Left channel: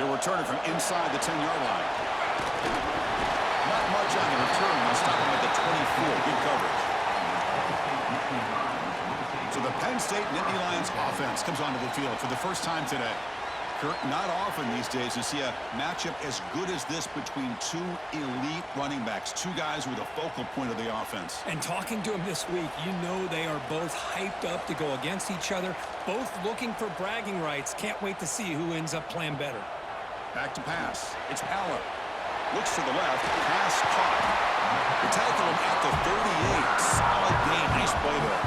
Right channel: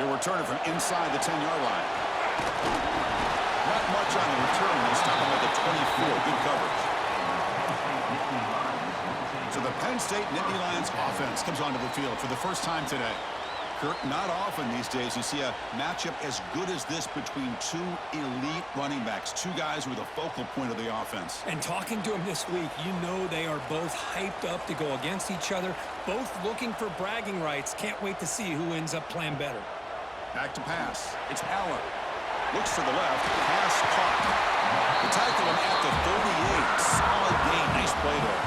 He'll return it from inside the 10-yard line. Not much on the return. They'll stop him at the 24. Good coverage. So the Penn State Nittany Lions offense comes onto the field for the first time today. Kurt, not often these days you see a matchup as good as this between two elite running backs, two guys who are the focal point of the offense. And talking to them this week, you know they are both hyped up to go against each other, both looking for bragging rights. Can't wait to see who ends up playing better. Back to pass. It's Aller. Looks to the left. Pass caught. They tackle him at the 38. Solid gain. Nice play there.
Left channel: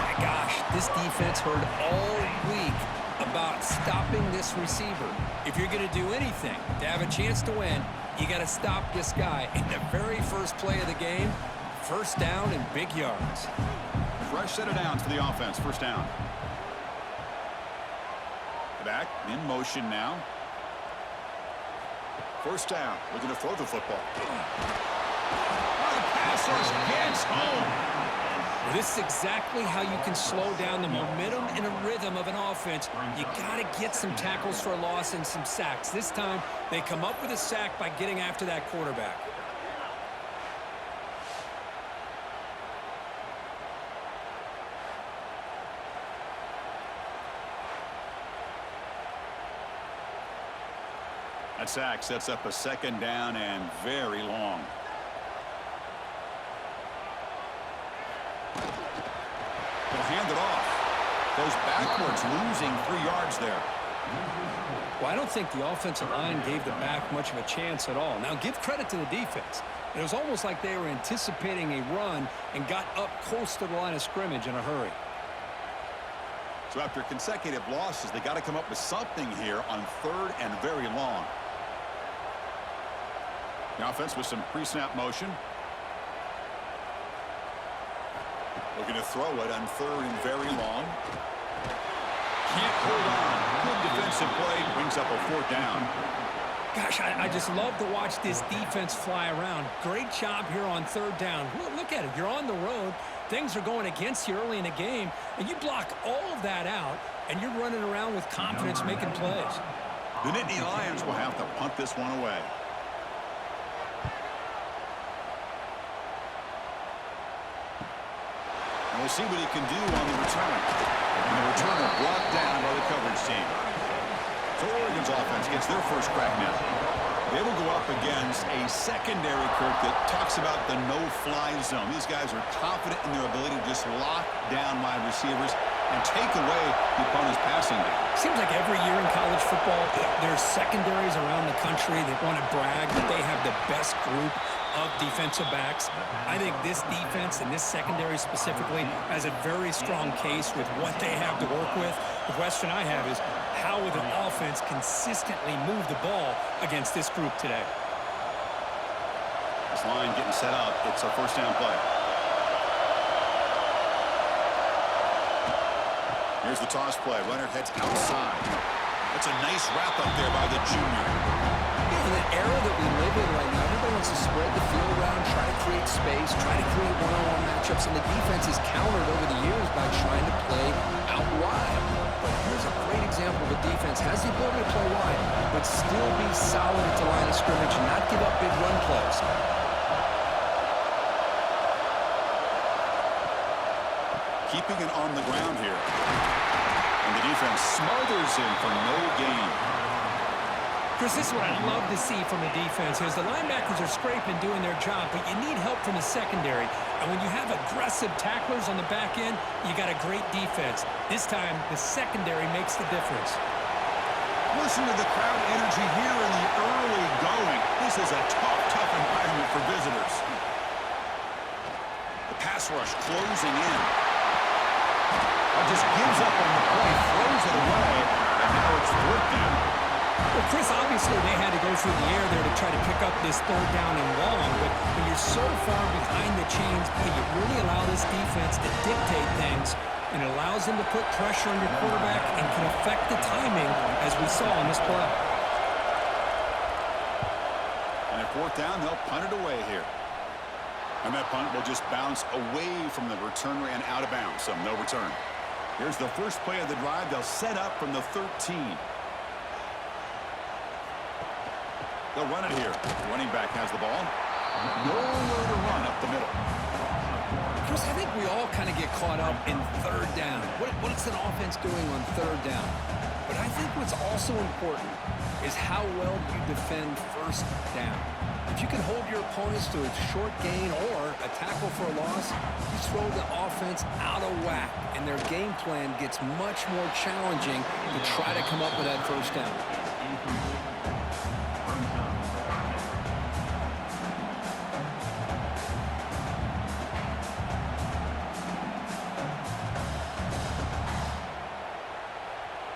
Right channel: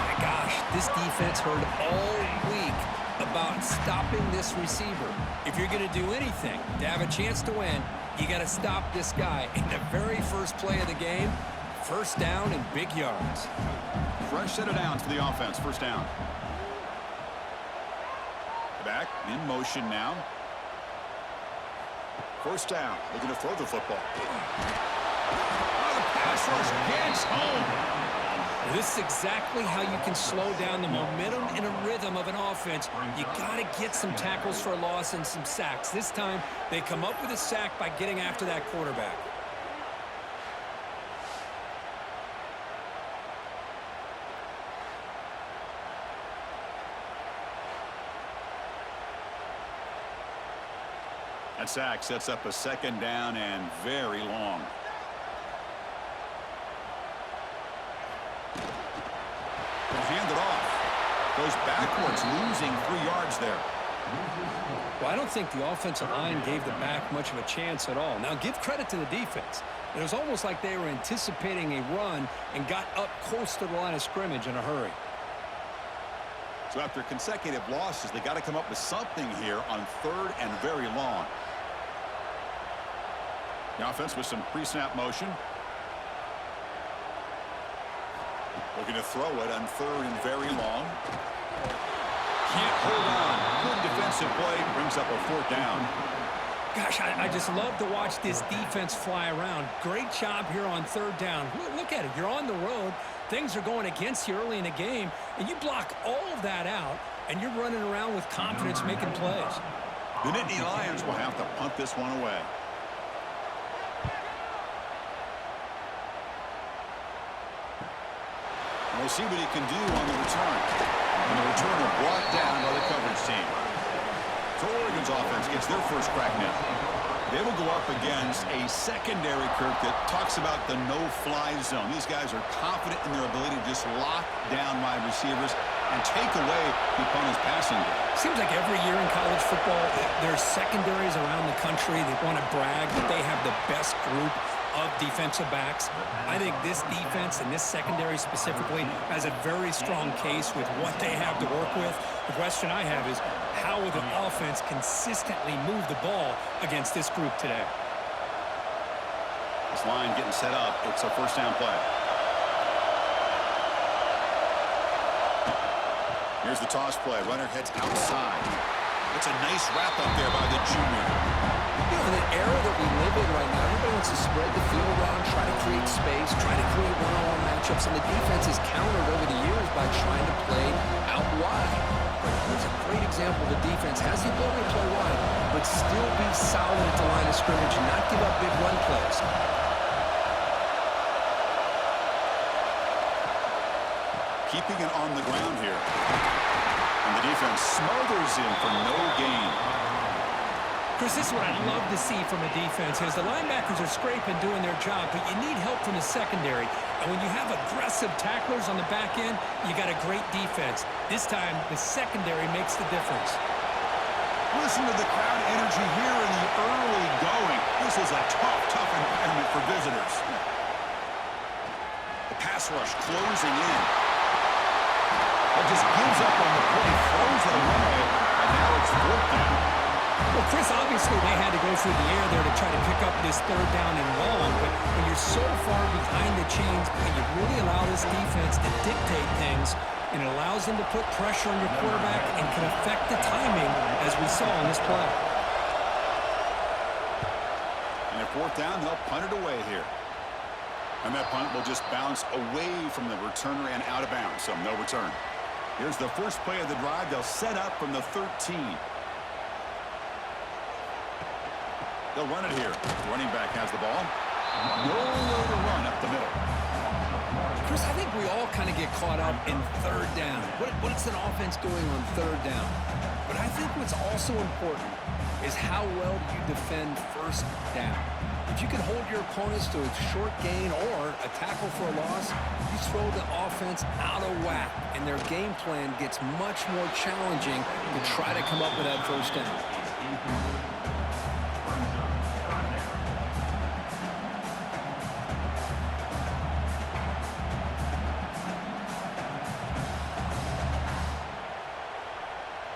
My gosh, this defense heard all week about stopping this receiver. If you're going to do anything to have a chance to win, you got to stop this guy. In the very first play of the game, first down and big yards. Fresh set of downs for the offense. First down. Back in motion now. First down. Looking to throw the football. Oh, the pass rush gets home. This is exactly how you can slow down the momentum and a rhythm of an offense. You got to get some tackles for a loss and some sacks. This time, they come up with a sack by getting after that quarterback. That sack sets up a second down and very long. They'll hand it off. Goes backwards, losing 3 yards there. Well, I don't think the offensive line gave the back much of a chance at all. Now, give credit to the defense. It was almost like they were anticipating a run and got up close to the line of scrimmage in a hurry. So after consecutive losses, they got to come up with something here on third and very long. The offense with some pre-snap motion. Looking to throw it on third and very long. Can't hold on. Good defensive play. Brings up a fourth down. Gosh, I just love to watch this defense fly around. Great job here on third down. Look at it. You're on the road. Things are going against you early in the game, and you block all of that out, and you're running around with confidence making plays. The Nittany Lions will have to punt this one away. And we'll see what he can do on the return. And the returner brought down by the coverage team. So Oregon's offense gets their first crack now. They will go up against a secondary, Kirk, that talks about the no-fly zone. These guys are confident in their ability to just lock down wide receivers and take away the opponent's passing game. Seems like every year in college football, there's secondaries around the country that want to brag that they have the best group of defensive backs. I think this defense and this secondary specifically has a very strong case with what they have to work with. The question I have is, how will the offense consistently move the ball against this group today? This line getting set up. It's a first down play. Here's the toss play. Runner heads outside. That's a nice wrap up there by the junior. You know, in the era that we live in right now, everybody wants to spread the field around, try to create space, try to create one-on-one matchups, and the defense is countered over the years by trying to play out wide. But here's a great example of a defense has the ability to play wide, but still be solid at the line of scrimmage and not give up big run plays. Keeping it on the ground here. And the defense smothers him for no gain. Chris, this is what I love to see from a defense is the linebackers are scraping, doing their job, but you need help from the secondary. And when you have aggressive tacklers on the back end, you got a great defense. This time, the secondary makes the difference. Listen to the crowd energy here in the early going. This is a tough environment for visitors. The pass rush closing in. Just gives up on the play, throws it away, and now it's fourth down. Well, Chris, obviously they had to go through the air there to try to pick up this third down and long, but when you're so far behind the chains, you really allow this defense to dictate things, and it allows them to put pressure on your quarterback and can affect the timing, as we saw on this play. And at fourth down, they'll punt it away here. And that punt will just bounce away from the returner and out of bounds, so no return. Here's the first play of the drive. They'll set up from the 13. They'll run it here. The running back has the ball. Nowhere to run up the middle. Chris, I think we all kind of get caught up in third down. What's an offense doing on third down? But I think what's also important is how well you defend first down. If you can hold your opponents to a short gain or a tackle for a loss, you throw the offense out of whack, and their game plan gets much more challenging to try to come up with that first down.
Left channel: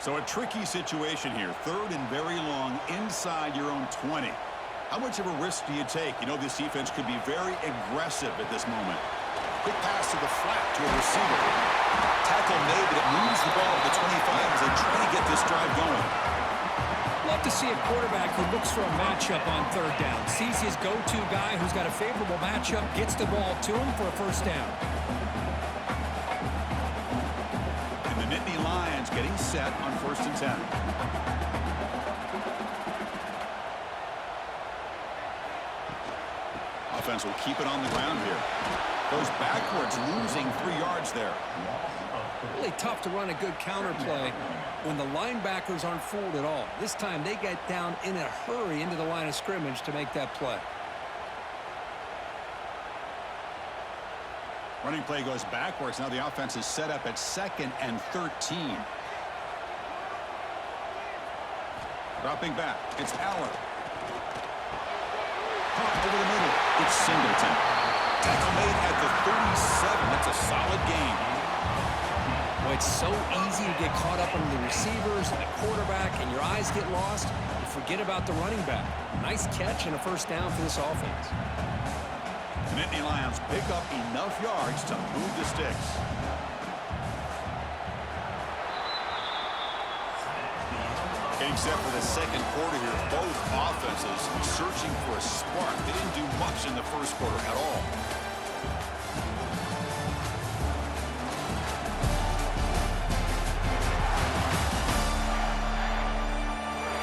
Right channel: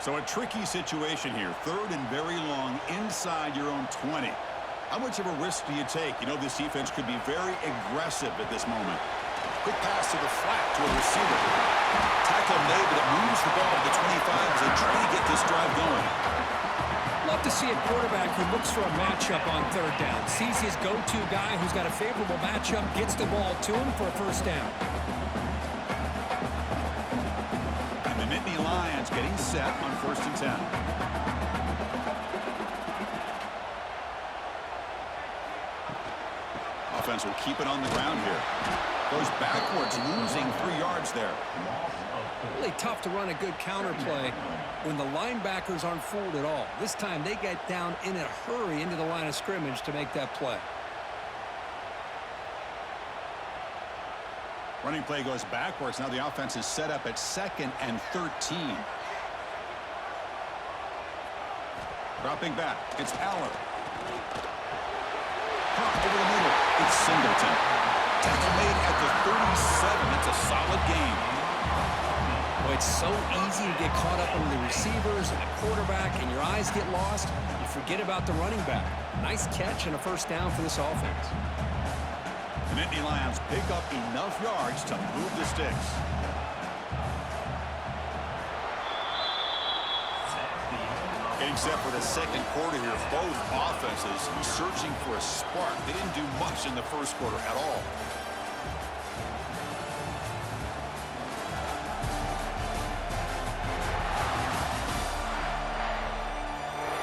So a tricky situation here. Third and very long inside your own 20. How much of a risk do you take? You know this defense could be very aggressive at this moment. Quick pass to the flat to a receiver. Tackle made, but it moves the ball to the 25 as they try to get this drive going. Love to see a quarterback who looks for a matchup on third down. Sees his go-to guy who's got a favorable matchup, gets the ball to him for a first down. And the Nittany Lions getting set on 1st and 10. Offense will keep it on the ground here. Goes backwards, losing 3 yards there. Really tough to run a good counter play when the linebackers aren't fooled at all. This time they get down in a hurry into the line of scrimmage to make that play. Running play goes backwards. Now the offense is set up at 2nd and 13. Dropping back. It's Aller. Caught over the middle. It's Singleton. Tackle made at the 37. That's a solid gain. Boy, it's so easy to get caught up on the receivers and the quarterback, and your eyes get lost. You forget about the running back. Nice catch and a first down for this offense. The Nittany Lions pick up enough yards to move the sticks. Getting set for the second quarter here. Both offenses searching for a spark. They didn't do much in the first quarter at all.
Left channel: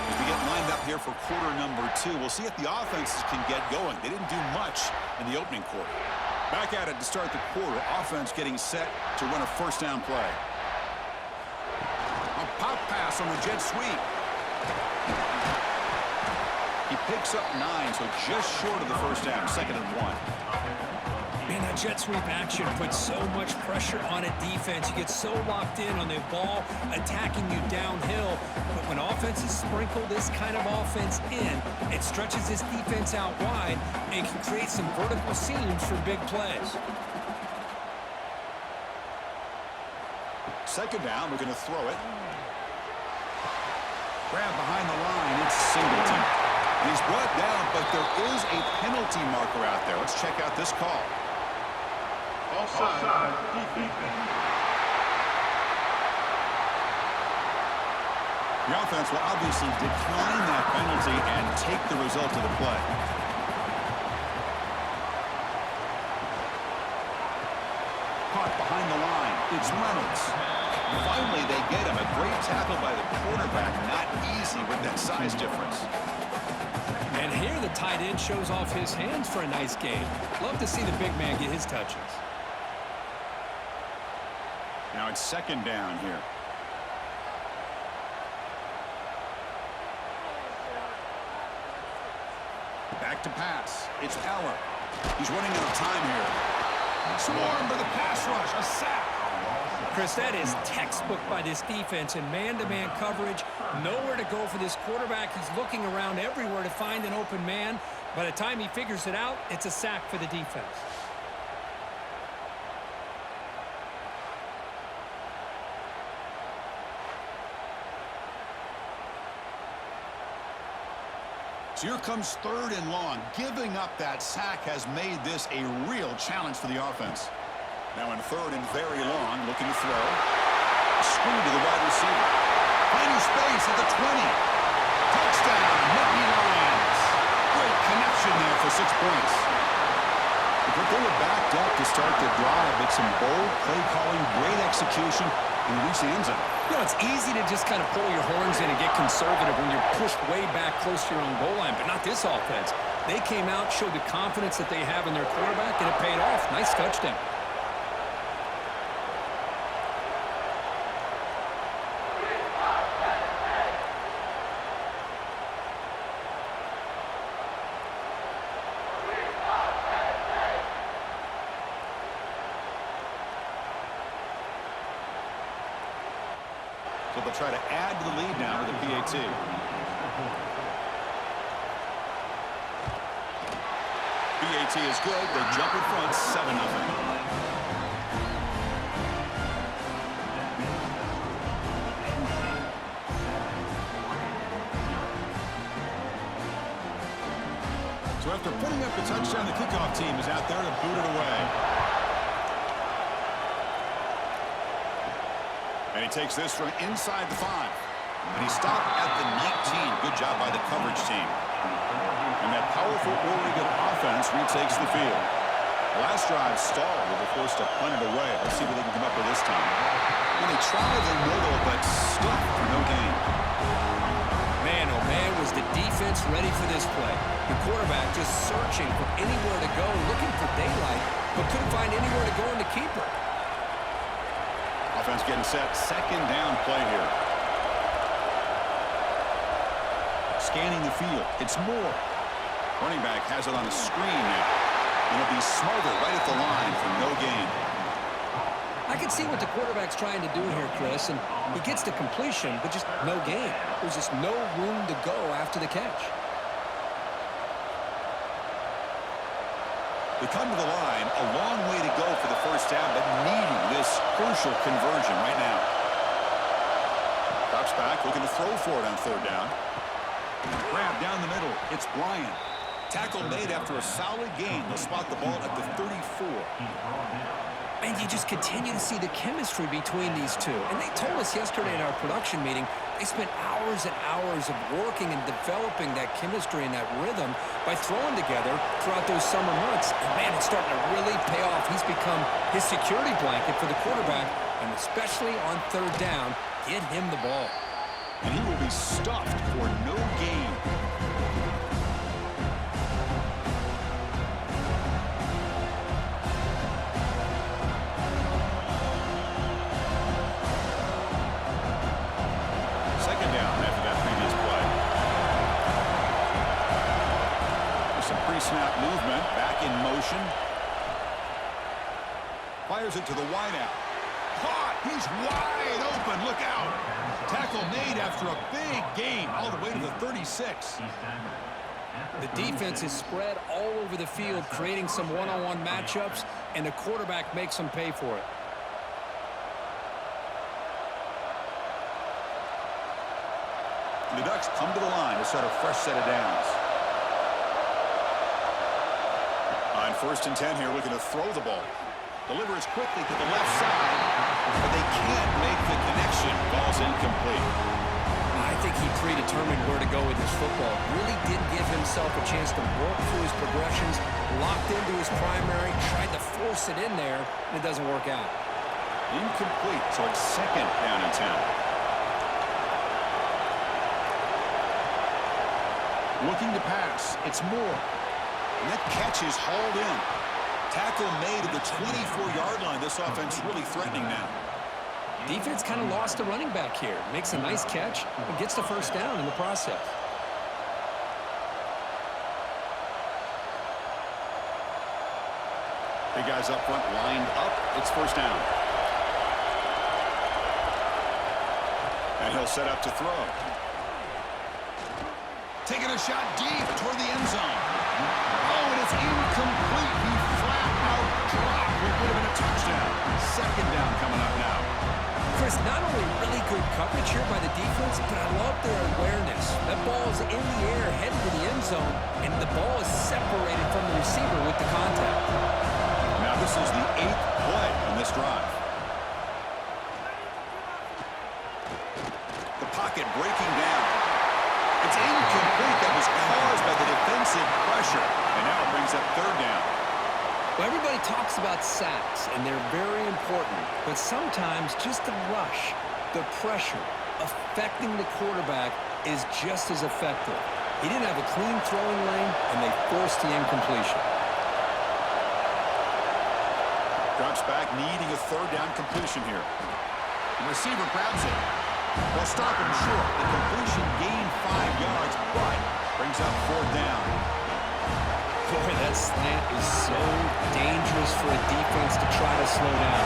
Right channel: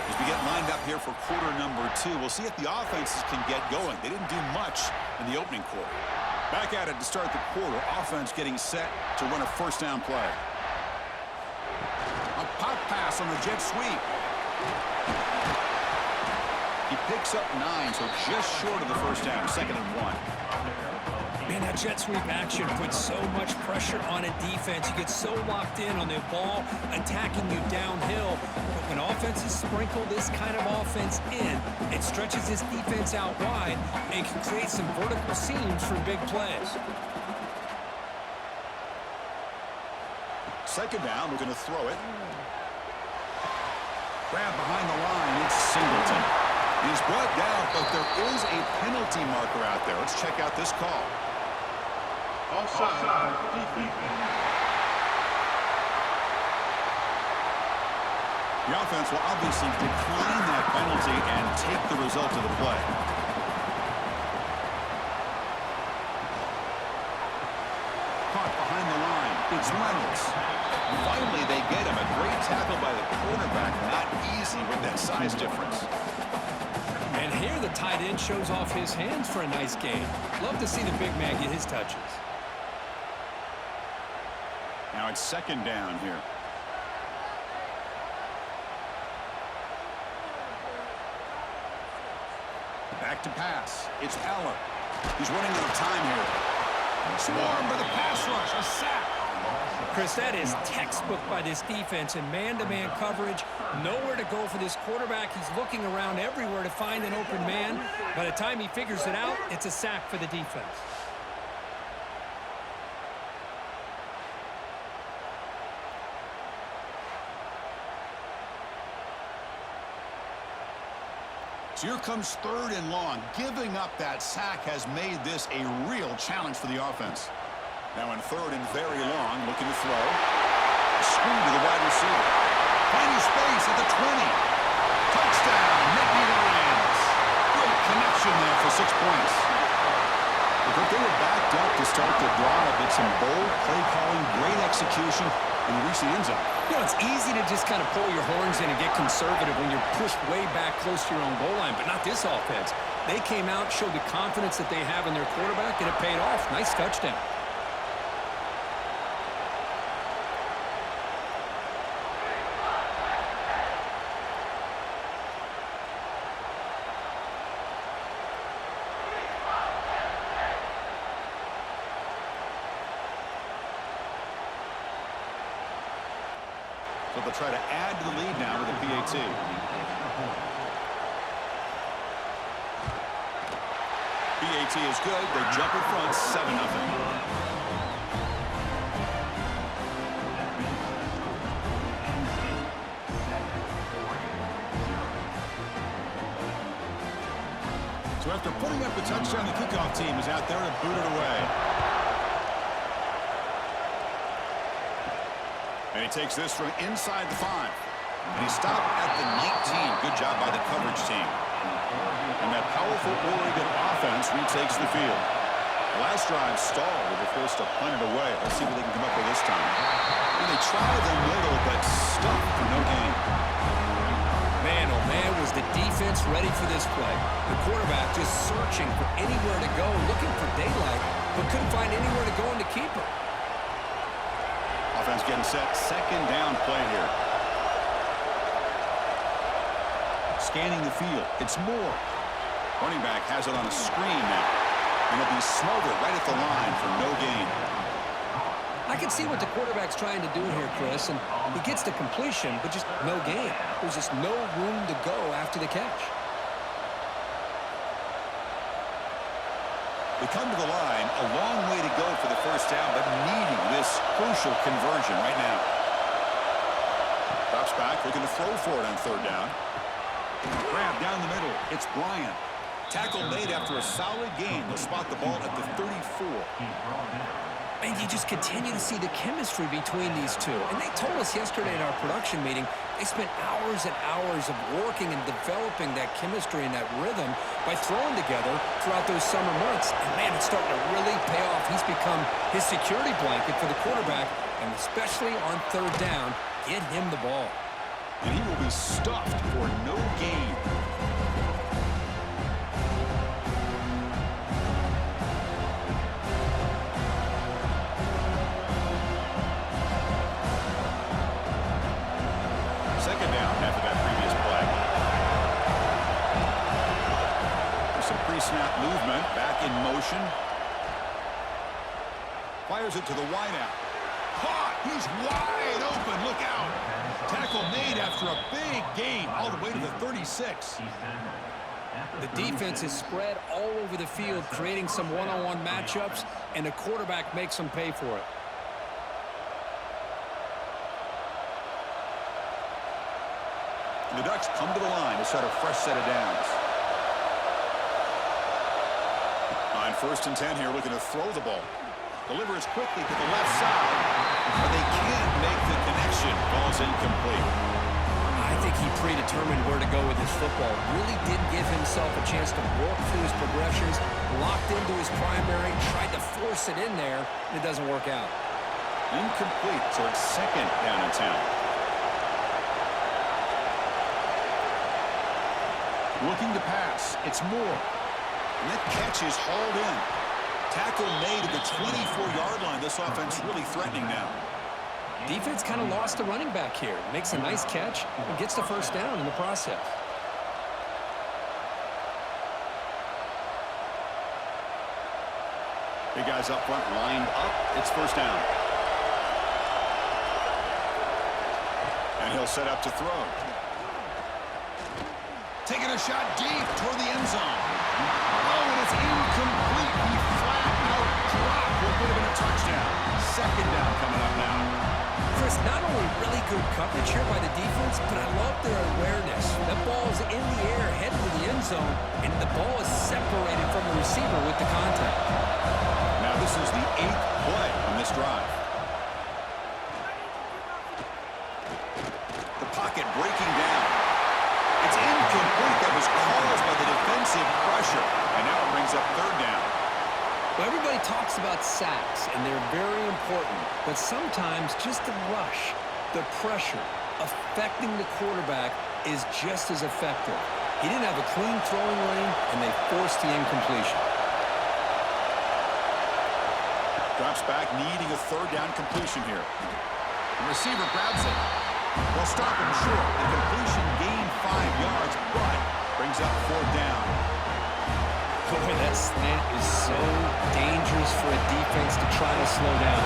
As we get lined up here for quarter number 2, we'll see if the offenses can get going. They didn't do much in the opening quarter. Back at it to start the quarter. Offense getting set to run a first down play. A pop pass on the jet sweep. He picks up 9, so just short of the first down, 2nd and 1. Man, that jet sweep action puts so much pressure on a defense. You get so locked in on the ball attacking you downhill. But when offenses sprinkle this kind of offense in, it stretches this defense out wide and can create some vertical seams for big plays. 2nd down, we're going to throw it. Grab behind the line, it's Singleton. And he's brought down, but there is a penalty marker out there. Let's check out this call. Offside, defense. The offense will obviously decline that penalty and take the result of the play. Caught behind the line, it's Reynolds. Finally, they get him. A great tackle by the quarterback. Not easy with that size difference. And here the tight end shows off his hands for a nice gain. Love to see the big man get his touches. Now it's 2nd down here. Back to pass. It's Aller. He's running out of time here. Swarmed by the pass rush. A sack. Chris, that is textbook by this defense in man-to-man coverage. Nowhere to go for this quarterback. He's looking around everywhere to find an open man. By the time he figures it out, it's a sack for the defense. So here comes 3rd and long. Giving up that sack has made this a real challenge for the offense. Now in 3rd and very long, looking to throw. Screen to the wide receiver. Finding space at the 20. Touchdown, Nittany Lions. Great connection there for 6 points. But they were backed up to start the drive. It's some bold play calling, great execution. and they reach the end zone. You know, it's easy to just kind of pull your horns in and get conservative when you're pushed way back close to your own goal line, but not this offense. They came out, showed the confidence that they have in their quarterback, and it paid off. Nice touchdown. So they'll try to add to the lead now with a PAT. PAT is good. They jump in front, 7-0. So after putting up the touchdown, the kickoff team is out there to boot it away. And he takes this from inside the 5. And he stopped at the 19. Good job by the coverage team. And that powerful Oregon offense retakes the field. The last drive stalled. They were forced to punt it away. Let's see what they can come up with this time. And they try the middle, but stuck for no gain. Man, oh man, was the defense ready for this play. The quarterback just searching for anywhere to go, looking for daylight, but couldn't find anywhere to go in the keeper. Offense getting set. Second down play here. Scanning the field. It's Moore. Running back has it on a screen now. And he'll be smothered right at the line for no gain. I can see what the quarterback's trying to do here, Chris, and he gets the completion, but just no gain. There's just no room to go after the catch. They come to the line, a long way to go for the first down, but needing this crucial conversion right now. Drops back, looking to throw for it on third down. Grab down the middle. It's Bryant. Tackle made after a solid gain. They'll spot the ball at the 34. And you just continue to see the chemistry between these two. And they told us yesterday in our production meeting, they spent hours and hours of working and developing that chemistry and that rhythm by throwing together throughout those summer months. And, man, it's starting to really pay off. He's become his security blanket for the quarterback, and especially on third down, get him the ball. And he will be stuffed for no gain. Second down after that previous play. There's some pre-snap movement. Back in motion. Fires it to the wideout. Caught! He's wide open. Look out. Tackle made after a big gain all the way to the 36. The defense is spread all over the field, creating some one-on-one matchups, and the quarterback makes them pay for it. The Ducks come to the line to start a fresh set of downs. On 1st and 10 here, looking to throw the ball. Delivers quickly to the left side, but they can't make the connection. Ball's incomplete. I think he predetermined where to go with his football. Really didn't give himself a chance to work through his progressions, locked into his primary, tried to force it in there, and it doesn't work out. Incomplete, so it's 2nd down and 10. Looking to pass. It's Moore. And that catch is hauled in. Tackle made at the 24-yard line. This offense really threatening now. Defense kind of lost the running back here. Makes a nice catch and gets the first down in the process. Big guys up front lined up. It's first down. And he'll set up to throw. Taking a shot deep toward the end zone. Oh, and it's incomplete. He flat out dropped what would have been a touchdown. 2nd down coming up now. Chris, not only really good coverage here by the defense, but I love their awareness. That ball is in the air, headed to the end zone, and the ball is separated from the receiver with the contact. Now this is the 8th play on this drive. The pocket breaking down. It's incomplete. That was caused by the defensive pressure. And now it brings up 3rd down. Well, everybody talks about sacks, and they're very important. But sometimes just the rush, the pressure, affecting the quarterback is just as effective. He didn't have a clean throwing lane, and they forced the incompletion. Drops back, needing a third down completion here. The receiver grabs it. They'll stop him short. The completion gained 5 yards, but brings up fourth down. Boy, that slant is so dangerous for a defense to try to slow down.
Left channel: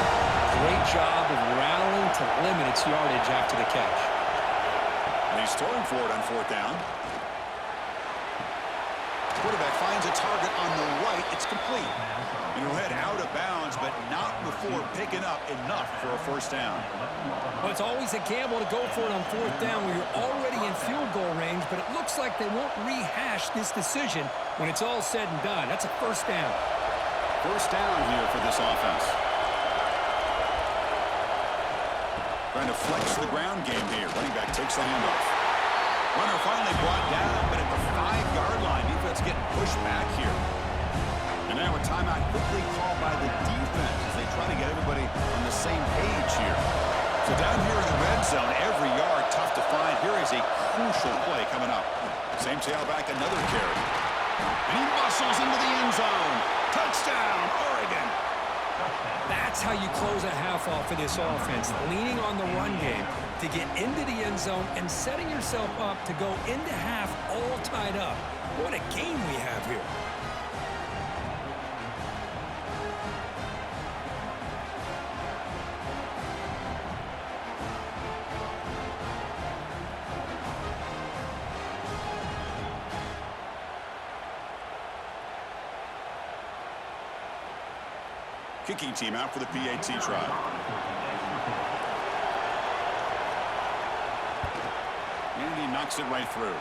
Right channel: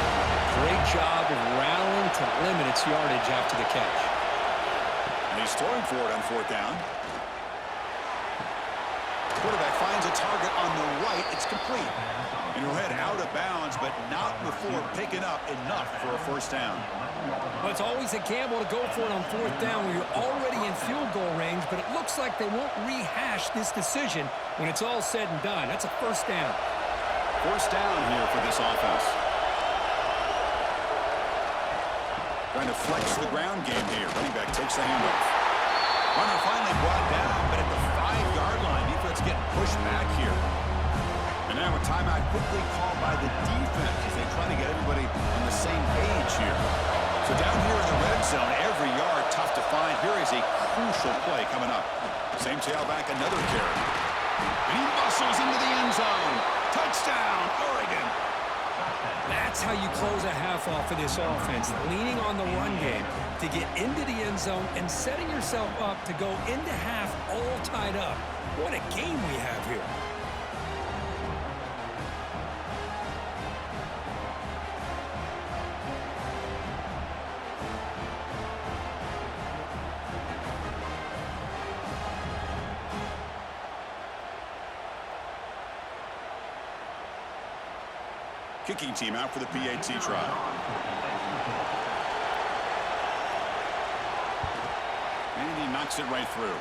Great job of rallying to limit its yardage after the catch. And he's throwing for it on fourth down. Quarterback finds a target on the right. It's complete. And he'll head out of bounds, but not before picking up enough for a first down. Well, it's always a gamble to go for it on fourth down when you're already in field goal range, but it looks like they won't rehash this decision when it's all said and done. That's a first down. First down here for this offense. Trying to flex the ground game here. Running back takes the handoff. Runner finally brought down, but at the 5-yard line, defense getting pushed back here. And now a timeout quickly called by the defense as they try to get everybody on the same page here. So down here in the red zone, every yard tough to find. Here is a crucial play coming up. Same tailback, another carry. And he muscles into the end zone. Touchdown, Oregon. That's how you close a half off of this offense, leaning on the run game to get into the end zone and setting yourself up to go into half all tied up. What a game we have here. Kicking team out for the PAT try. And he knocks it right through.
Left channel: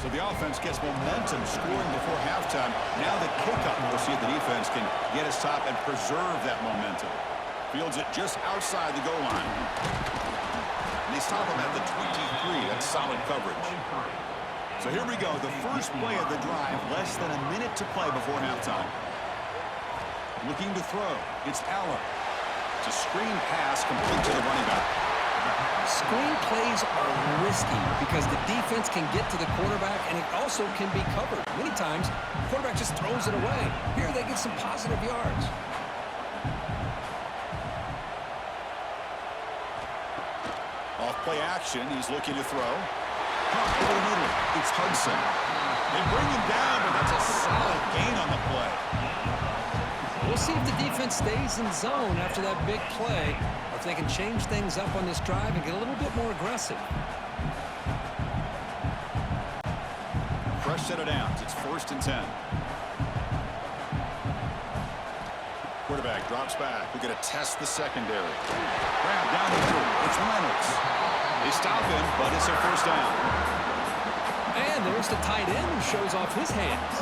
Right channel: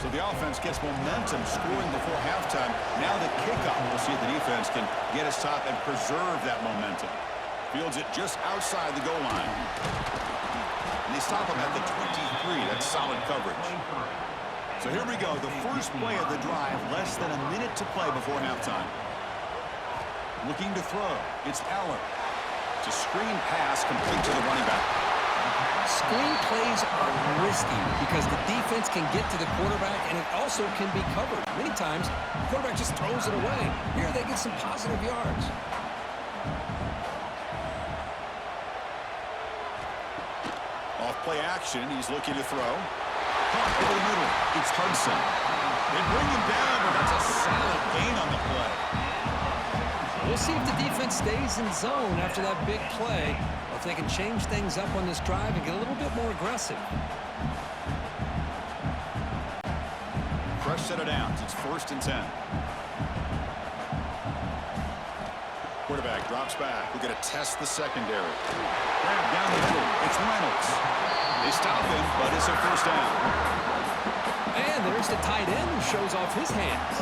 So the offense gets momentum scoring before halftime. Now the kickoff. We'll see if the defense can get his top and preserve that momentum. Fields it just outside the goal line. And they stop him at the 23. That's solid coverage. So here we go. The first play of the drive. Less than a minute to play before halftime. Looking to throw. It's Aller. It's a screen pass complete to the running back. Screen plays are risky because the defense can get to the quarterback and it also can be covered. Many times, the quarterback just throws it away. Here they get some positive yards. Off play action, he's looking to throw. Caught over the middle. It's Hudson. They bring him down, but that's a solid gain on the play. We'll see if the defense stays in zone after that big play, or if they can change things up on this drive and get a little bit more aggressive. Fresh set of downs. It's 1st and 10. Quarterback drops back. We're going to test the secondary. Grab down the middle. It's Reynolds. They stop him, but it's a first down. And there's the tight end who shows off his hands.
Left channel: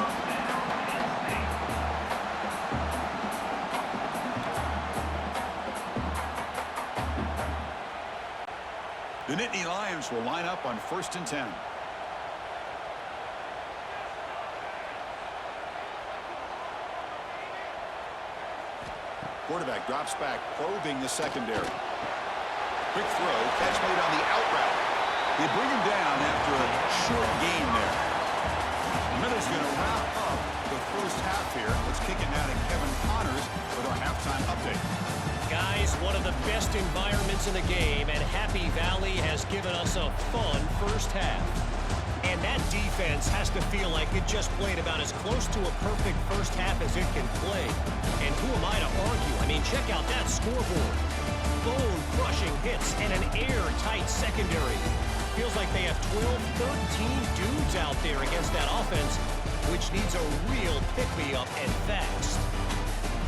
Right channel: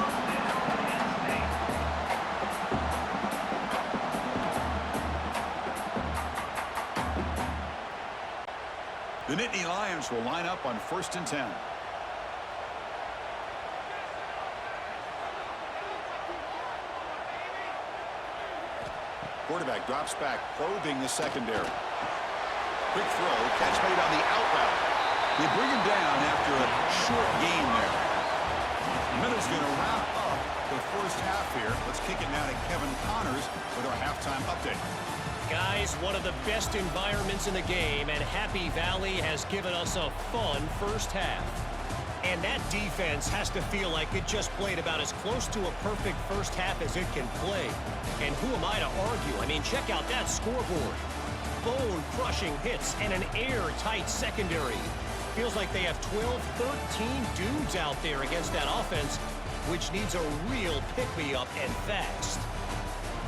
The Nittany Lions will line up on 1st and 10. Quarterback drops back, probing the secondary. Quick throw, catch made on the out route. They bring him down after a short gain there. The Minnows going to wrap up the first half here. Let's kick it now to Kevin Connors with our halftime update. Guys, one of the best environments in the game, and Happy Valley has given us a fun first half. And that defense has to feel like it just played about as close to a perfect first half as it can play. And who am I to argue? I mean, check out that scoreboard. Bone-crushing hits and an airtight secondary. Feels like they have 12, 13 dudes out there against that offense, which needs a real pick-me-up and fast.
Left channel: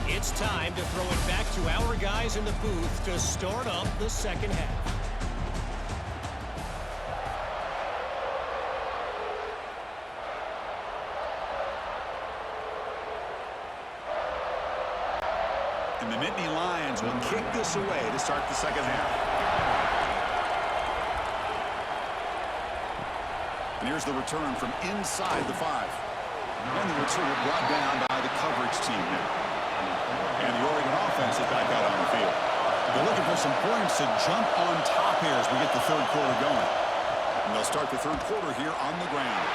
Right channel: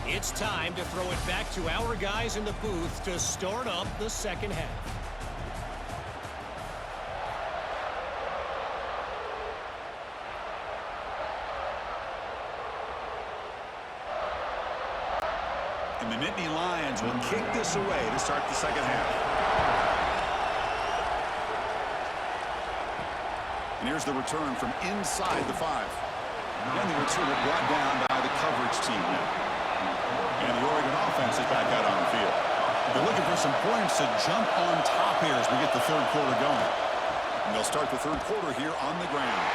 It's time to throw it back to our guys in the booth to start up the second half. And the Nittany Lions will kick this away to start the second half. And here's the return from inside the 5. And the returner brought down by the coverage team now. And the Oregon offense is back out on the field. They're looking for some points to jump on top here as we get the third quarter going. And they'll start the third quarter here on the ground.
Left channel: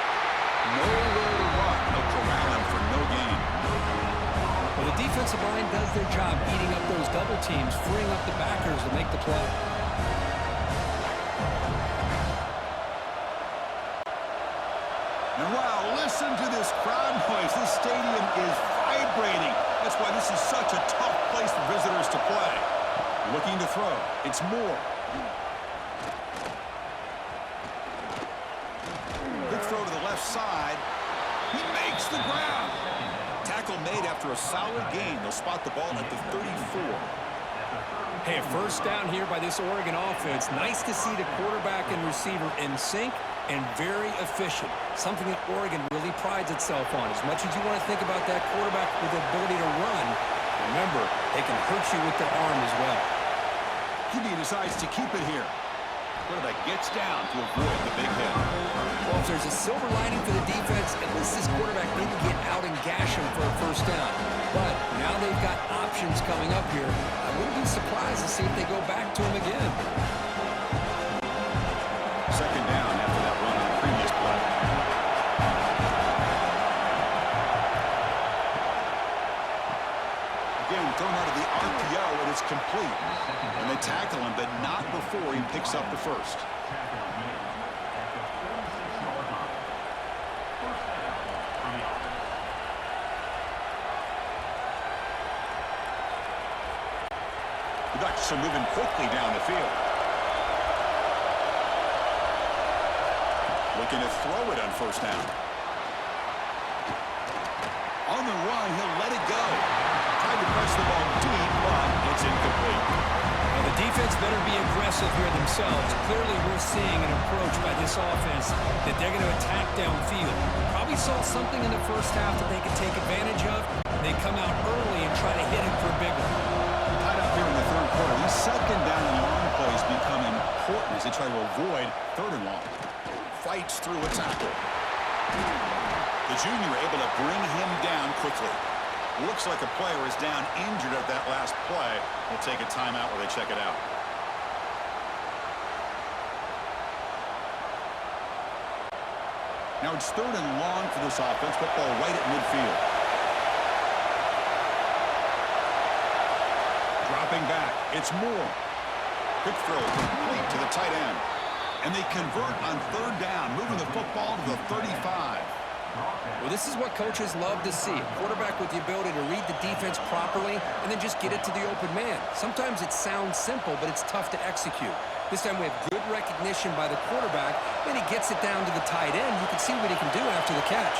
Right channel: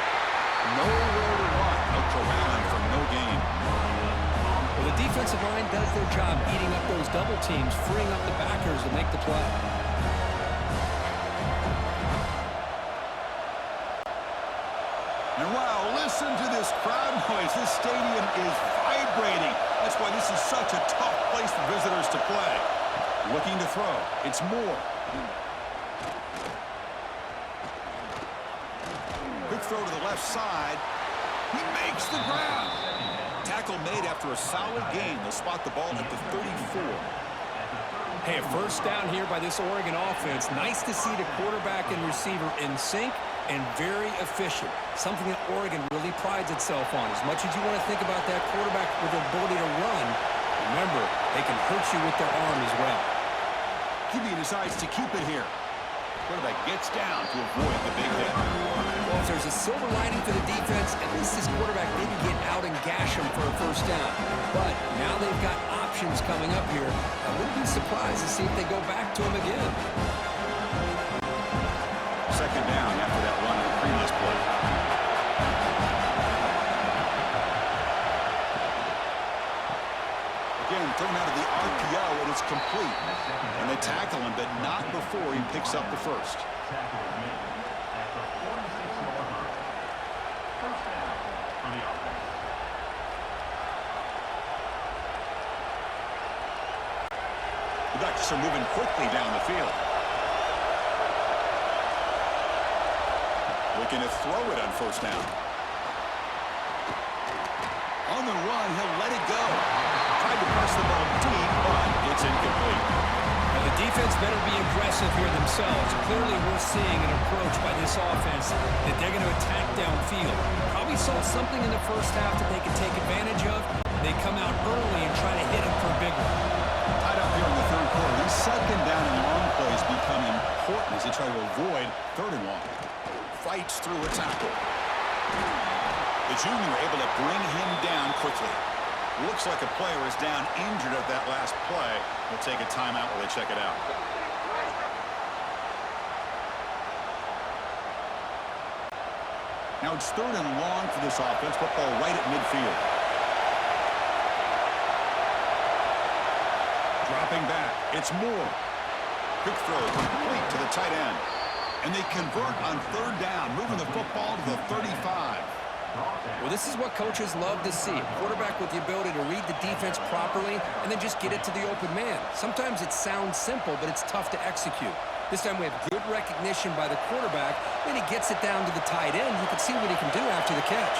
Nowhere to run. They'll corral him for no gain. Well, the defensive line does their job eating up those double teams, freeing up the backers to make the play. And wow, listen to this crowd noise. This stadium is vibrating. That's why this is such a tough place for visitors to play. Looking to throw. It's Moore. Quick throw to the left side. He makes the grab. Tackle made after a solid gain. They'll spot the ball at the 34. Hey, a first down here by this Oregon offense. Nice to see the quarterback and receiver in sync and very efficient. Something that Oregon really prides itself on. As much as you want to think about that quarterback with the ability to run, remember, they can hurt you with their arm as well. QB decides to keep it here. Quarterback gets down to avoid the big hit. Well, if there's a silver lining for the defense, at least this quarterback didn't get out and gash him for a first down. But now they've got options coming up here. I wouldn't be surprised to see if they go back to him again. Second down after that run on the previous play. Again, thrown out of the RPO, and it's complete. And they tackle him, but not before he picks up the first. The Ducks are moving quickly down the field. Looking to throw it on first down. On the run, he'll let it go. Tried to press the ball deep, but it's incomplete. Now the defense better be aggressive here themselves. Clearly we're seeing an approach by this offense that they're going to attack downfield. Probably saw something in the first half that they could take advantage of. They come out early and try to hit it for a big one. Tied up here in the third quarter. These second down and long plays become important as they try to avoid third and long. Fights through a tackle. The junior able to bring him down quickly. Looks like a player is down injured at that last play. We'll take a timeout while they check it out. Now it's third and long for this offense. Football right at midfield. Dropping back. It's Moore. Quick throw complete to the tight end. And they convert on third down, moving the football to the 35. Well, this is what coaches love to see. A quarterback with the ability to read the defense properly and then just get it to the open man. Sometimes it sounds simple, but it's tough to execute. This time we have good recognition by the quarterback, and he gets it down to the tight end. You can see what he can do after the catch.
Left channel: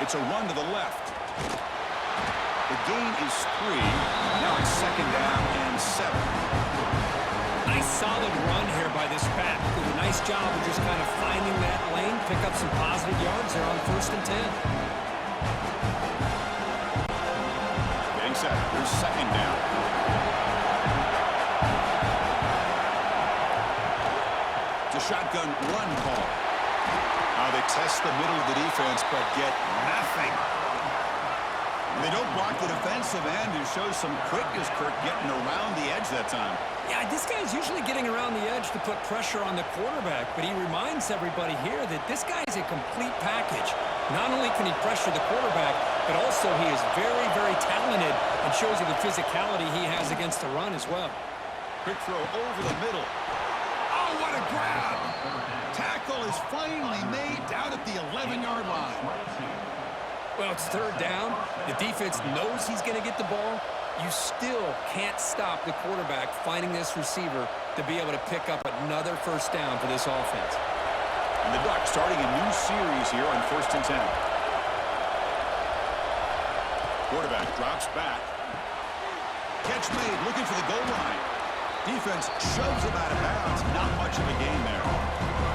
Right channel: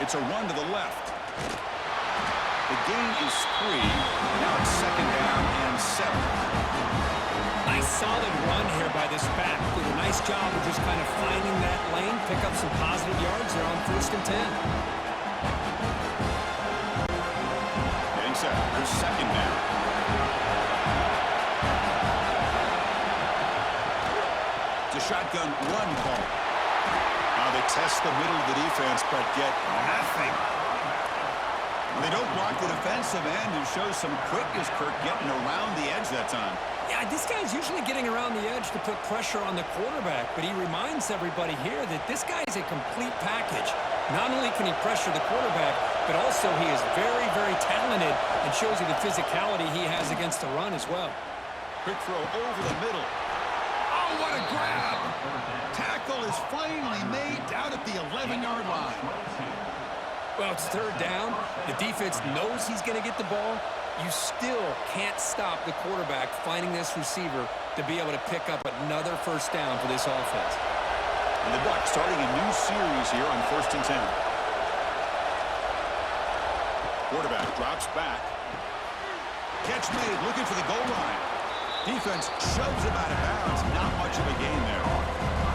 It's a run to the left. The gain is 3. Now it's second down and 7. Nice solid run here by this back. Did a nice job of just kind of finding that lane, pick up some positive yards there on 1st and 10. Getting set. Here's second down. It's a shotgun run call. Now they test the middle of the defense, but get nothing. They don't block the defensive end, who shows some quickness, Kirk, getting around the edge that time. Yeah, this guy's usually getting around the edge to put pressure on the quarterback, but he reminds everybody here that this guy is a complete package. Not only can he pressure the quarterback, but also he is very, very talented and shows you the physicality he has against the run as well. Quick throw over the middle. Oh, what a grab! Tackle is finally made down at the 11-yard line. Well, it's third down. The defense knows he's going to get the ball. You still can't stop the quarterback finding this receiver to be able to pick up another first down for this offense. And the Ducks starting a new series here on 1st and 10. Quarterback drops back. Catch made, looking for the goal line. Defense shoves him out of bounds. Not much of a gain there.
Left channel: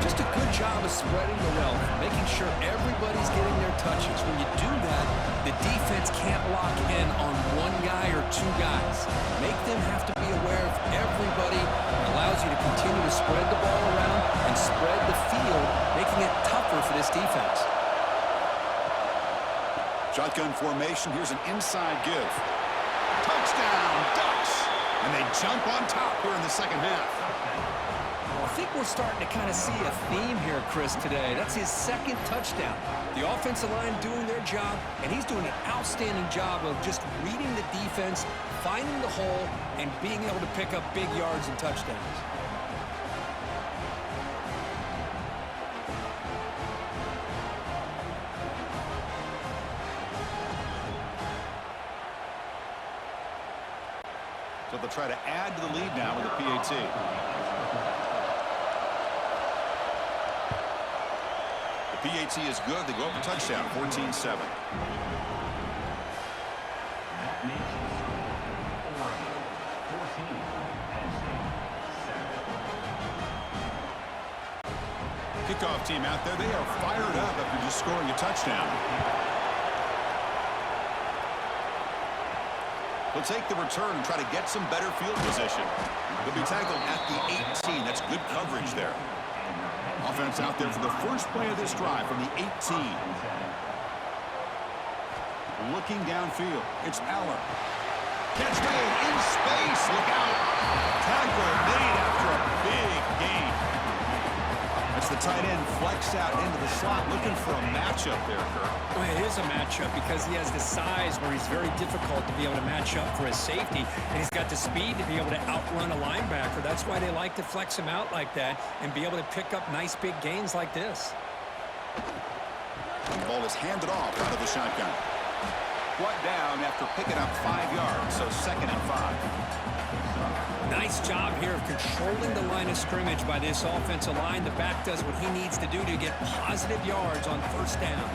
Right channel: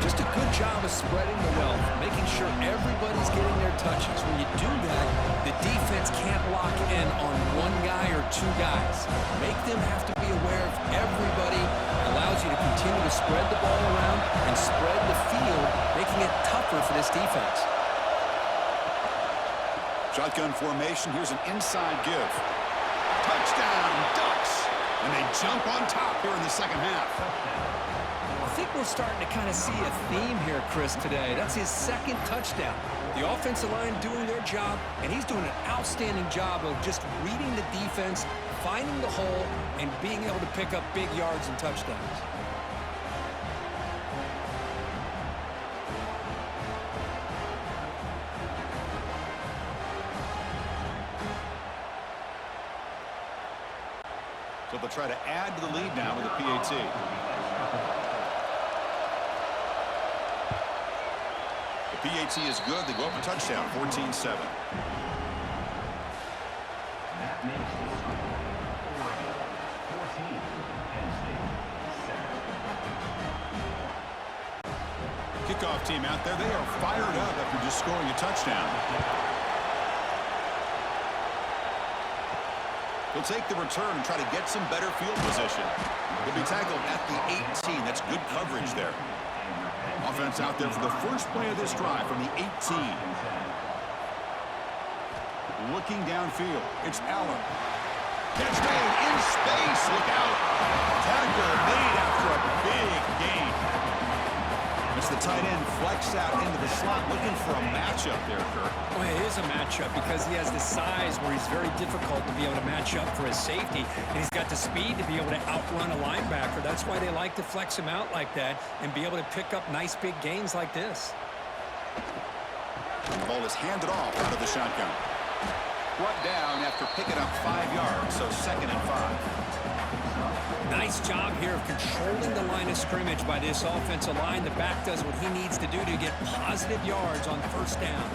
Just a good job of spreading the wealth, making sure everybody's getting their touches. When you do that, the defense can't lock in on one guy or two guys. Make them have to be aware of everybody. It allows you to continue to spread the ball around and spread the field, making it tougher for this defense. Shotgun formation. Here's an inside give. Touchdown, Ducks! And they jump on top here in the second half. I think we're starting to kind of see a theme here, Chris, today. That's his second touchdown. The offensive line doing their job, and he's doing an outstanding job of just reading the defense, finding the hole, and being able to pick up big yards and touchdowns. So they'll try to add to the lead now with a PAT. The PAT is good. They go up a touchdown, 14-7. That makes it Oregon 14, Penn State 7. Kickoff team out there. They are fired up after just scoring a touchdown. He'll take the return and try to get some better field position. He'll be tackled at the 18. That's good coverage there. Offense out there for the first play of this drive from the 18. Looking downfield. It's Aller. Catch made in space. Look out. Tackle made after a big gain. It's the tight end flexed out into the slot, looking for a matchup there, Kirk. Well, it is a matchup because he has the size where he's very difficult to be able to match up for his safety, and he's got the speed to be able to outrun a linebacker. That's why they like to flex him out like that and be able to pick up nice big gains like this. And the ball is handed off out of the shotgun. Brought down after picking up 5 yards, so 2nd and 5. Nice job here of controlling the line of scrimmage by this offensive line. The back does what he needs to do to get positive yards on first down.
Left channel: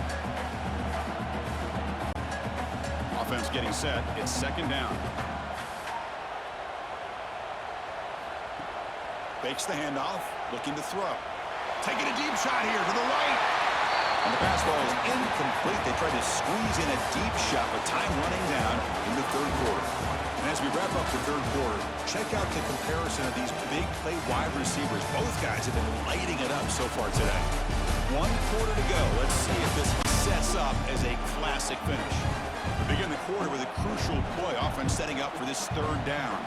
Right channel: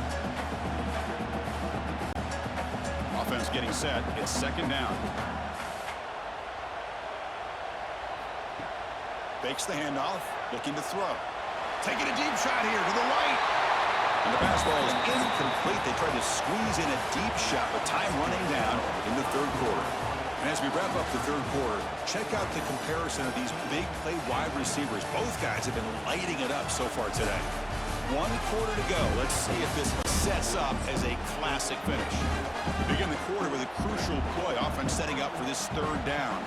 Offense getting set. It's 2nd down. Fakes the handoff, looking to throw. Taking a deep shot here to the right. And the pass ball is incomplete. They tried to squeeze in a deep shot with time running down in the 3rd quarter. And as we wrap up the 3rd quarter, check out the comparison of these big play wide receivers. Both guys have been lighting it up so far today. 1 quarter to go. Let's see if this sets up as a classic finish. We begin the quarter with a crucial play. Offense setting up for this 3rd down.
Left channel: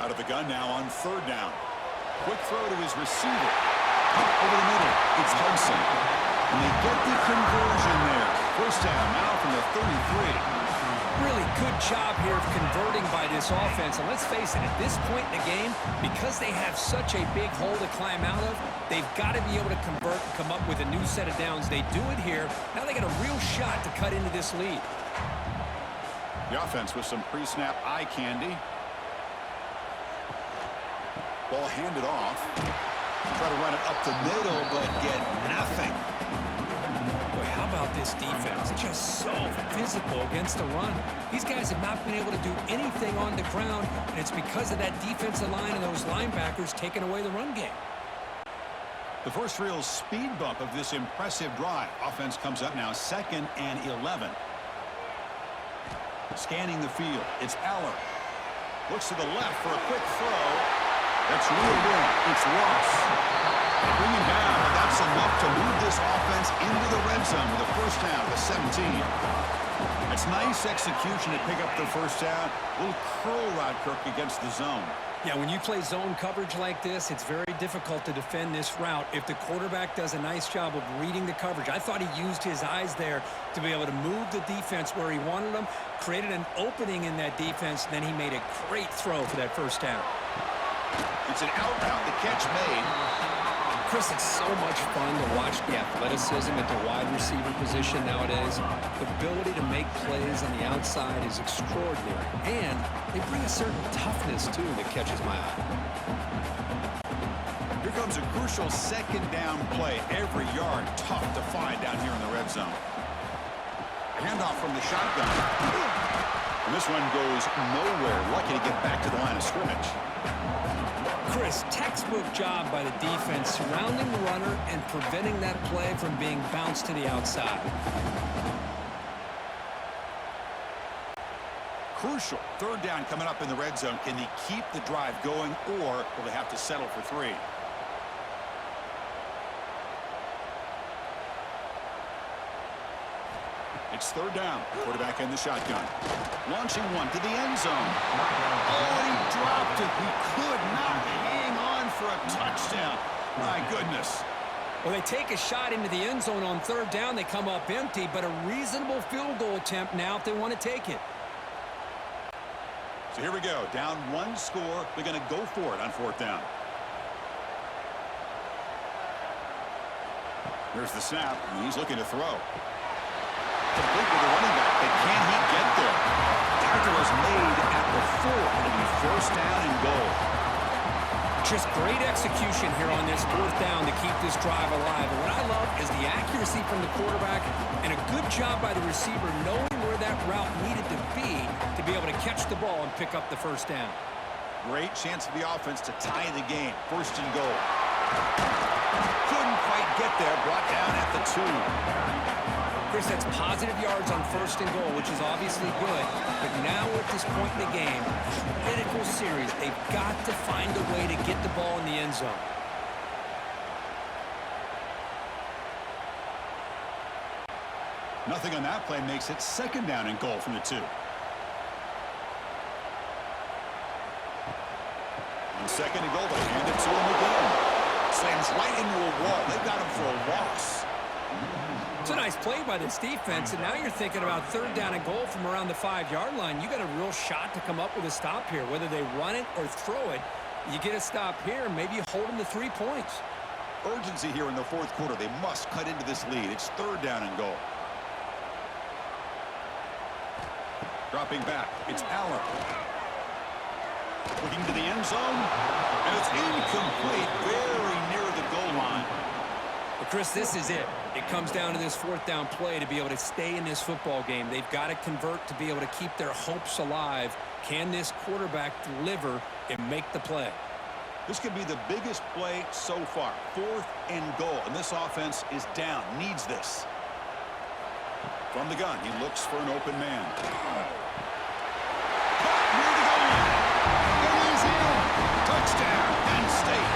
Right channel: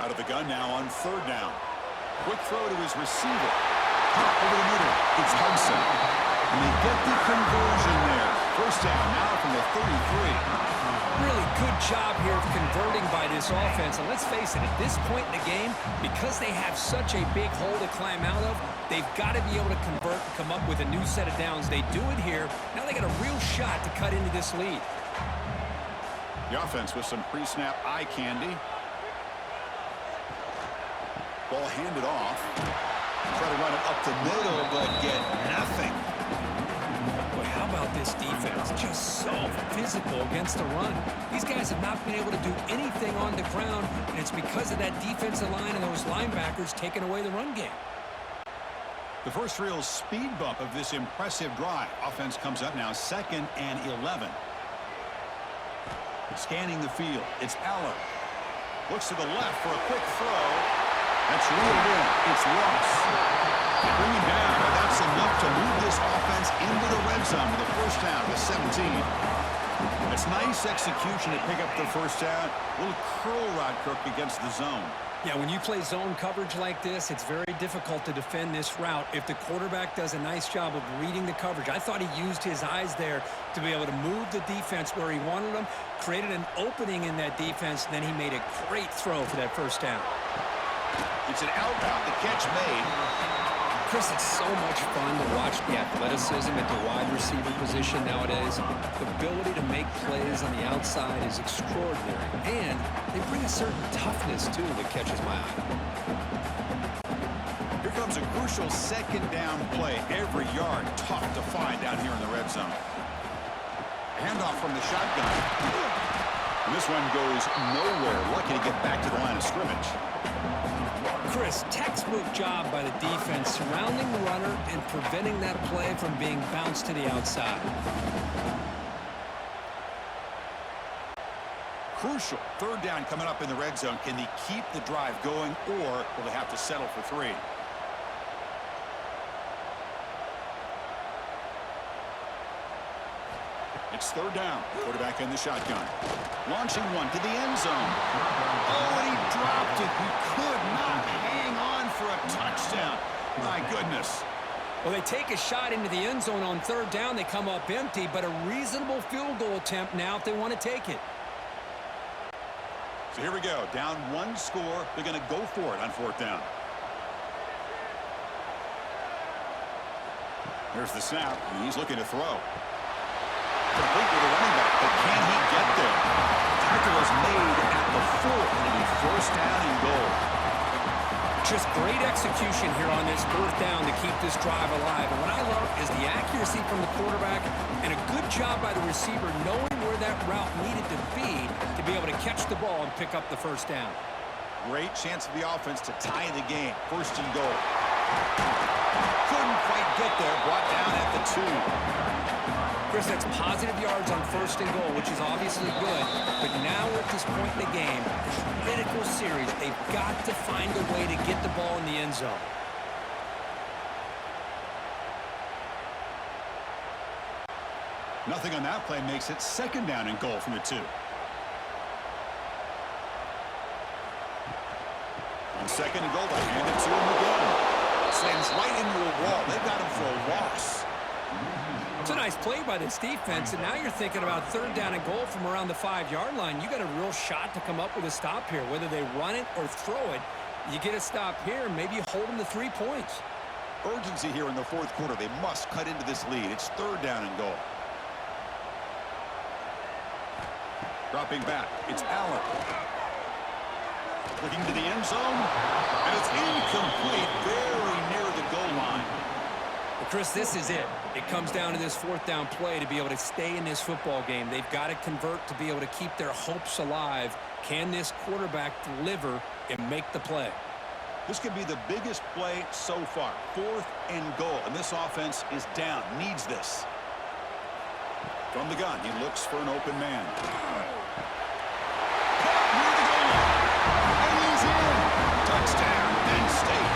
Out of the gun now on 3rd down. Quick throw to his receiver. Pop over the middle. It's Hudson. And they get the conversion there. First down now from the 33. Really good job here of converting by this offense. And let's face it, at this point in the game, because they have such a big hole to climb out of, they've got to be able to convert and come up with a new set of downs. They do it here. Now they got a real shot to cut into this lead. The offense with some pre-snap eye candy. Ball handed off. Try to run it up the middle, but get nothing. Boy, how about this defense? Just so physical against the run. These guys have not been able to do anything on the ground, and it's because of that defensive line and those linebackers taking away the run game. The first real speed bump of this impressive drive. Offense comes up now 2nd and 11. Scanning the field. It's Aller. Looks to the left for a quick throw. That's reeled in. It's Ross. They bring him down, but that's enough to move this offense into the red zone with a first down to 17. It's nice execution to pick up the first down. A little curl route, Kirk, against the zone. Yeah, when you play zone coverage like this, it's very difficult to defend this route if the quarterback does a nice job of reading the coverage. I thought he used his eyes there to be able to move the defense where he wanted them, created an opening in that defense, and then he made a great throw for that first down. It's an out route. The catch made. Chris, it's so much fun to watch the athleticism at the wide receiver position nowadays. The ability to make plays on the outside is extraordinary. And they bring a certain toughness, too, that catches my eye. Here comes a crucial 2nd down play. Every yard tough to find down here in the red zone. A handoff from the shotgun. And this one goes nowhere. Lucky to get back to the line of scrimmage. Chris, Chris, textbook job by the defense surrounding the runner and preventing that play from being bounced to the outside. Crucial. Third down coming up in the red zone. Can they keep the drive going, or will they have to settle for 3? It's third down. Quarterback in the shotgun. Launching one to the end zone. Oh, and he dropped it. He could not hang on for a touchdown. My goodness. Well, they take a shot into the end zone on third down. They come up empty, but a reasonable field goal attempt now if they want to take it. So here we go. Down 1 score. They're going to go for it on fourth down. Here's the snap. And he's looking to throw. Complete with the running back, but can he get there? Tackle is made at the 4. It'll be first down and goal. Just great execution here on this fourth down to keep this drive alive. And what I love is the accuracy from the quarterback and a good job by the receiver knowing where that route needed to be able to catch the ball and pick up the first down. Great chance for the offense to tie the game. First and goal. Couldn't quite get there. Brought down at the 2. Chris, that's positive yards on first and goal, which is obviously good. But now we're at this point in the game, critical series. They've got to find a way to get the ball in the end zone. Nothing on that play makes it second down and goal from the 2. On second and goal, they hand it to him again. Slams right into a wall. They've got him for a loss. It's a nice play by this defense, and now you're thinking about third down and goal from around the 5-yard line. You got a real shot to come up with a stop here. Whether they run it or throw it, you get a stop here, and maybe you hold them to 3 points. Urgency here in the fourth quarter. They must cut into this lead. It's third down and goal. Dropping back, it's Allen. Looking to the end zone, and it's incomplete, very near the goal line. Well, Chris, this is it. It comes down to this fourth down play to be able to stay in this football game. They've got to convert to be able to keep their hopes alive. Can this quarterback deliver and make the play? This could be the biggest play so far. Fourth and goal, and this offense is down, needs this. From the gun, he looks for an open man. Caught near the goal line, and he's in. Touchdown, Penn State.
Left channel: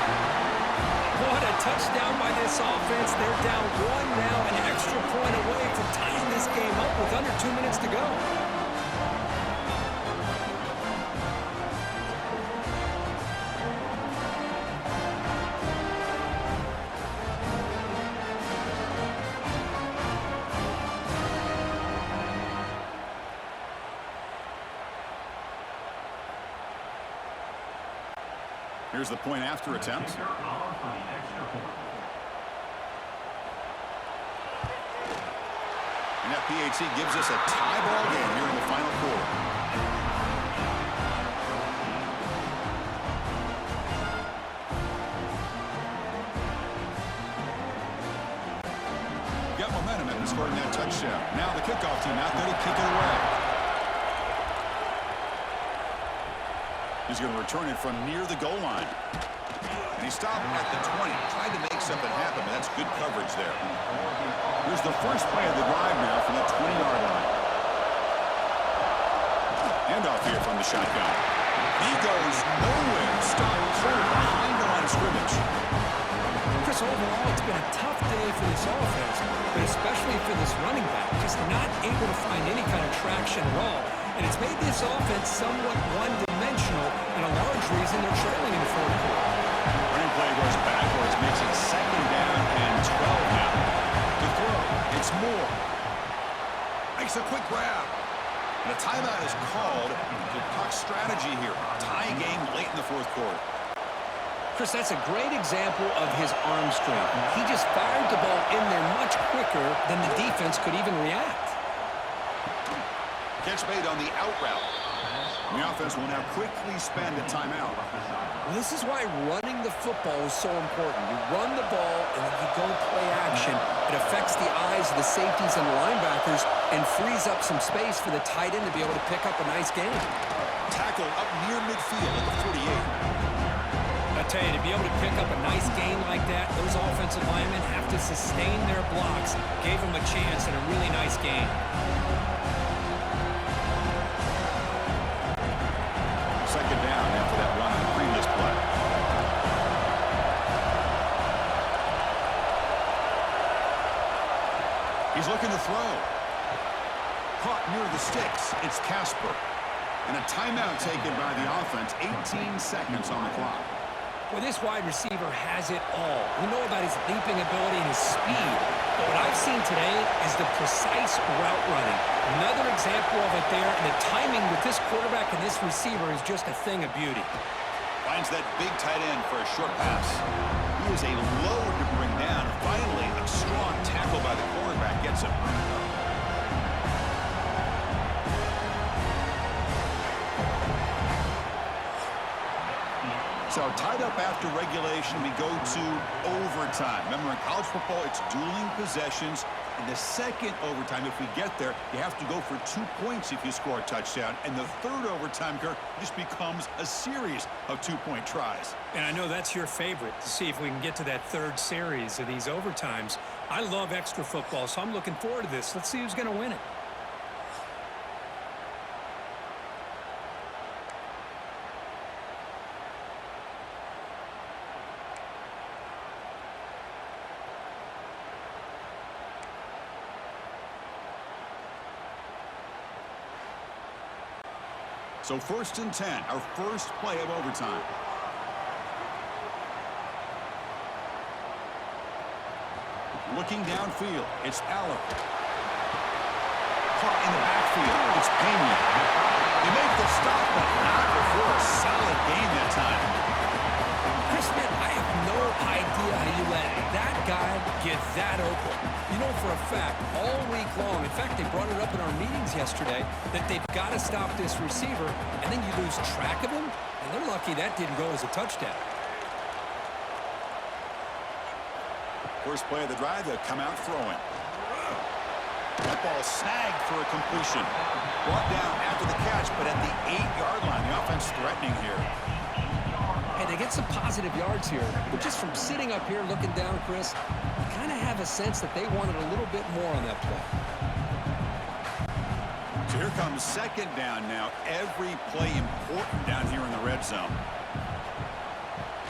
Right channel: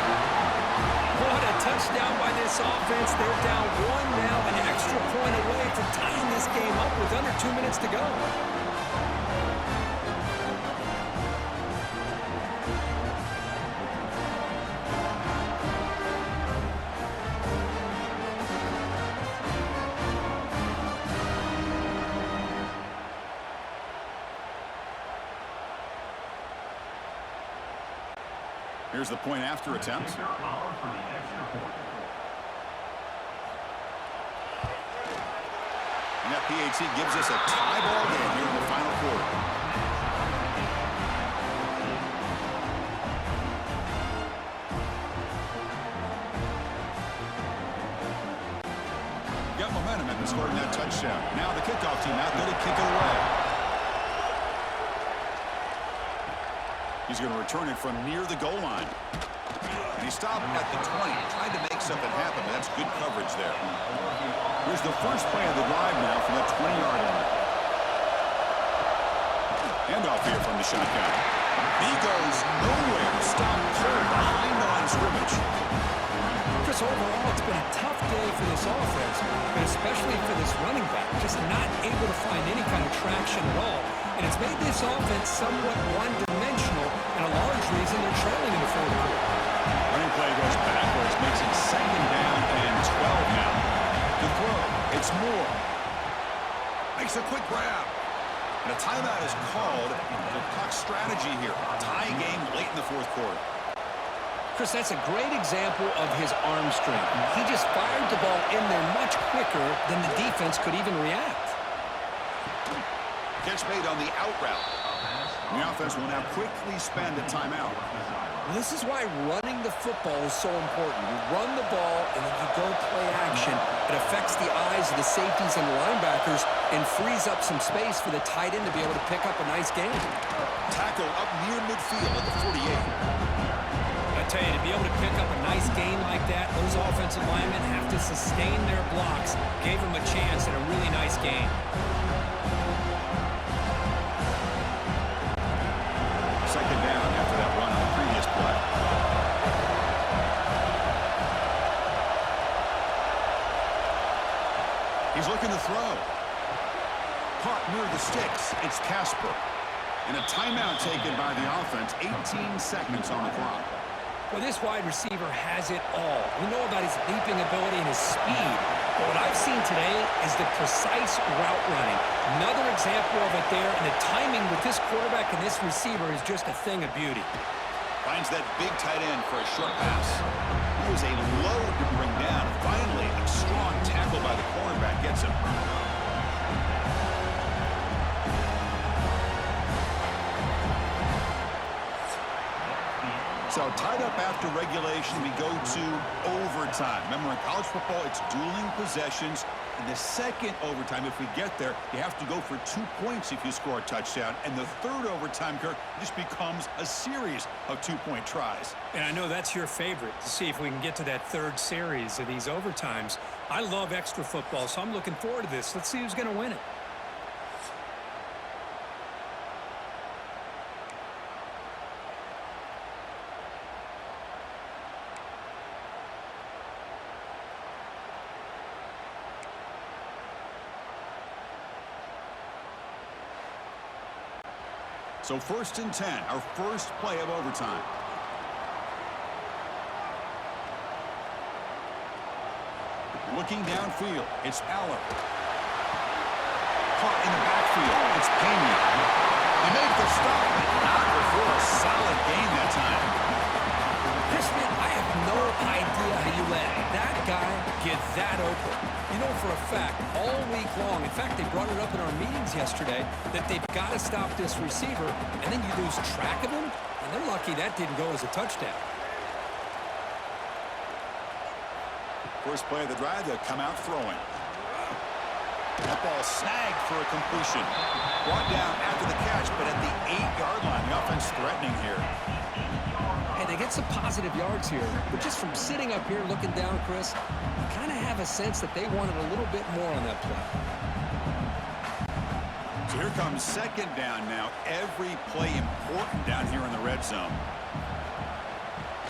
What a touchdown by this offense. They're down 1 now, an extra point away from tying this game up with under 2 minutes to go. Here's the point after attempt. And that PAT gives us a tie ball game here in the final quarter. Got momentum after scoring that touchdown. Now the kickoff team out there to kick it away. He's going to return it from near the goal line. And he stopped at the 20. Tried to make something happen, but that's good coverage there. Here's the first play of the drive now from that 20-yard line. Handoff here from the shotgun. He goes nowhere. Stopped cold behind the line of scrimmage. Chris, overall, it's been a tough day for this offense, but especially for this running back. Just not able to find any kind of traction at all. And it's made this offense somewhat one-dimensional, and a large reason they're trailing in the fourth quarter. Running play goes backwards, makes it second down and 12 now. To throw, it's Moore. Makes a quick grab. And a timeout is called to talk strategy here. Tie game late in the fourth quarter. Chris, that's a great example of his arm strength. He just fired the ball in there much quicker than the defense could even react. Catch made on the out route. And the offense will now quickly spend a timeout. Well, this is why running the football is so important. You run the ball, and then you go play action. It affects the eyes of the safeties and the linebackers and frees up some space for the tight end to be able to pick up a nice game. Tackle up near midfield at the 48. I tell you, to be able to pick up a nice gain like that, those offensive linemen have to sustain their blocks. Gave them a chance at a really nice gain. Second down after that run on the previous play. He's looking to throw. Caught near the sticks. It's Casper. And a timeout taken by the offense. 18 seconds on the clock. Well, this wide receiver has it all. We know about his leaping ability and his speed. But what I've seen today is the precise route running. Another example of it there. And the timing with this quarterback and this receiver is just a thing of beauty. Finds that big tight end for a short pass. He is a load to bring down. Finally, a strong tackle by the cornerback gets him. So tied up after regulation, we go to overtime. Remember, in college football, it's dueling possessions. In the second overtime, if we get there, you have to go for 2 points if you score a touchdown. And the third overtime, Kirk, just becomes a series of 2-point tries. And I know that's your favorite, to see if we can get to that third series of these overtimes. I love extra football, so I'm looking forward to this. Let's see who's going to win it. So 1st and 10, our first play of overtime. Looking downfield, it's Aller. Caught in the backfield, it's Penn. They make the stop, but not before a solid gain that time. Chris, man, I have no idea how you let that guy get that open. You know for a fact, all week long, in fact, they brought it up in our meetings yesterday, that they've got to stop this receiver, and then you lose track of him, and they're lucky that didn't go as a touchdown. First play of the drive, they'll come out throwing. That ball snagged for a completion. Brought down after the catch, but at the 8-yard line. The offense threatening here. Hey, they get some positive yards here, but just from sitting up here looking down, Chris, you kind of have a sense that they wanted a little bit more on that play. So here comes second down now. Every play important down here in the red zone.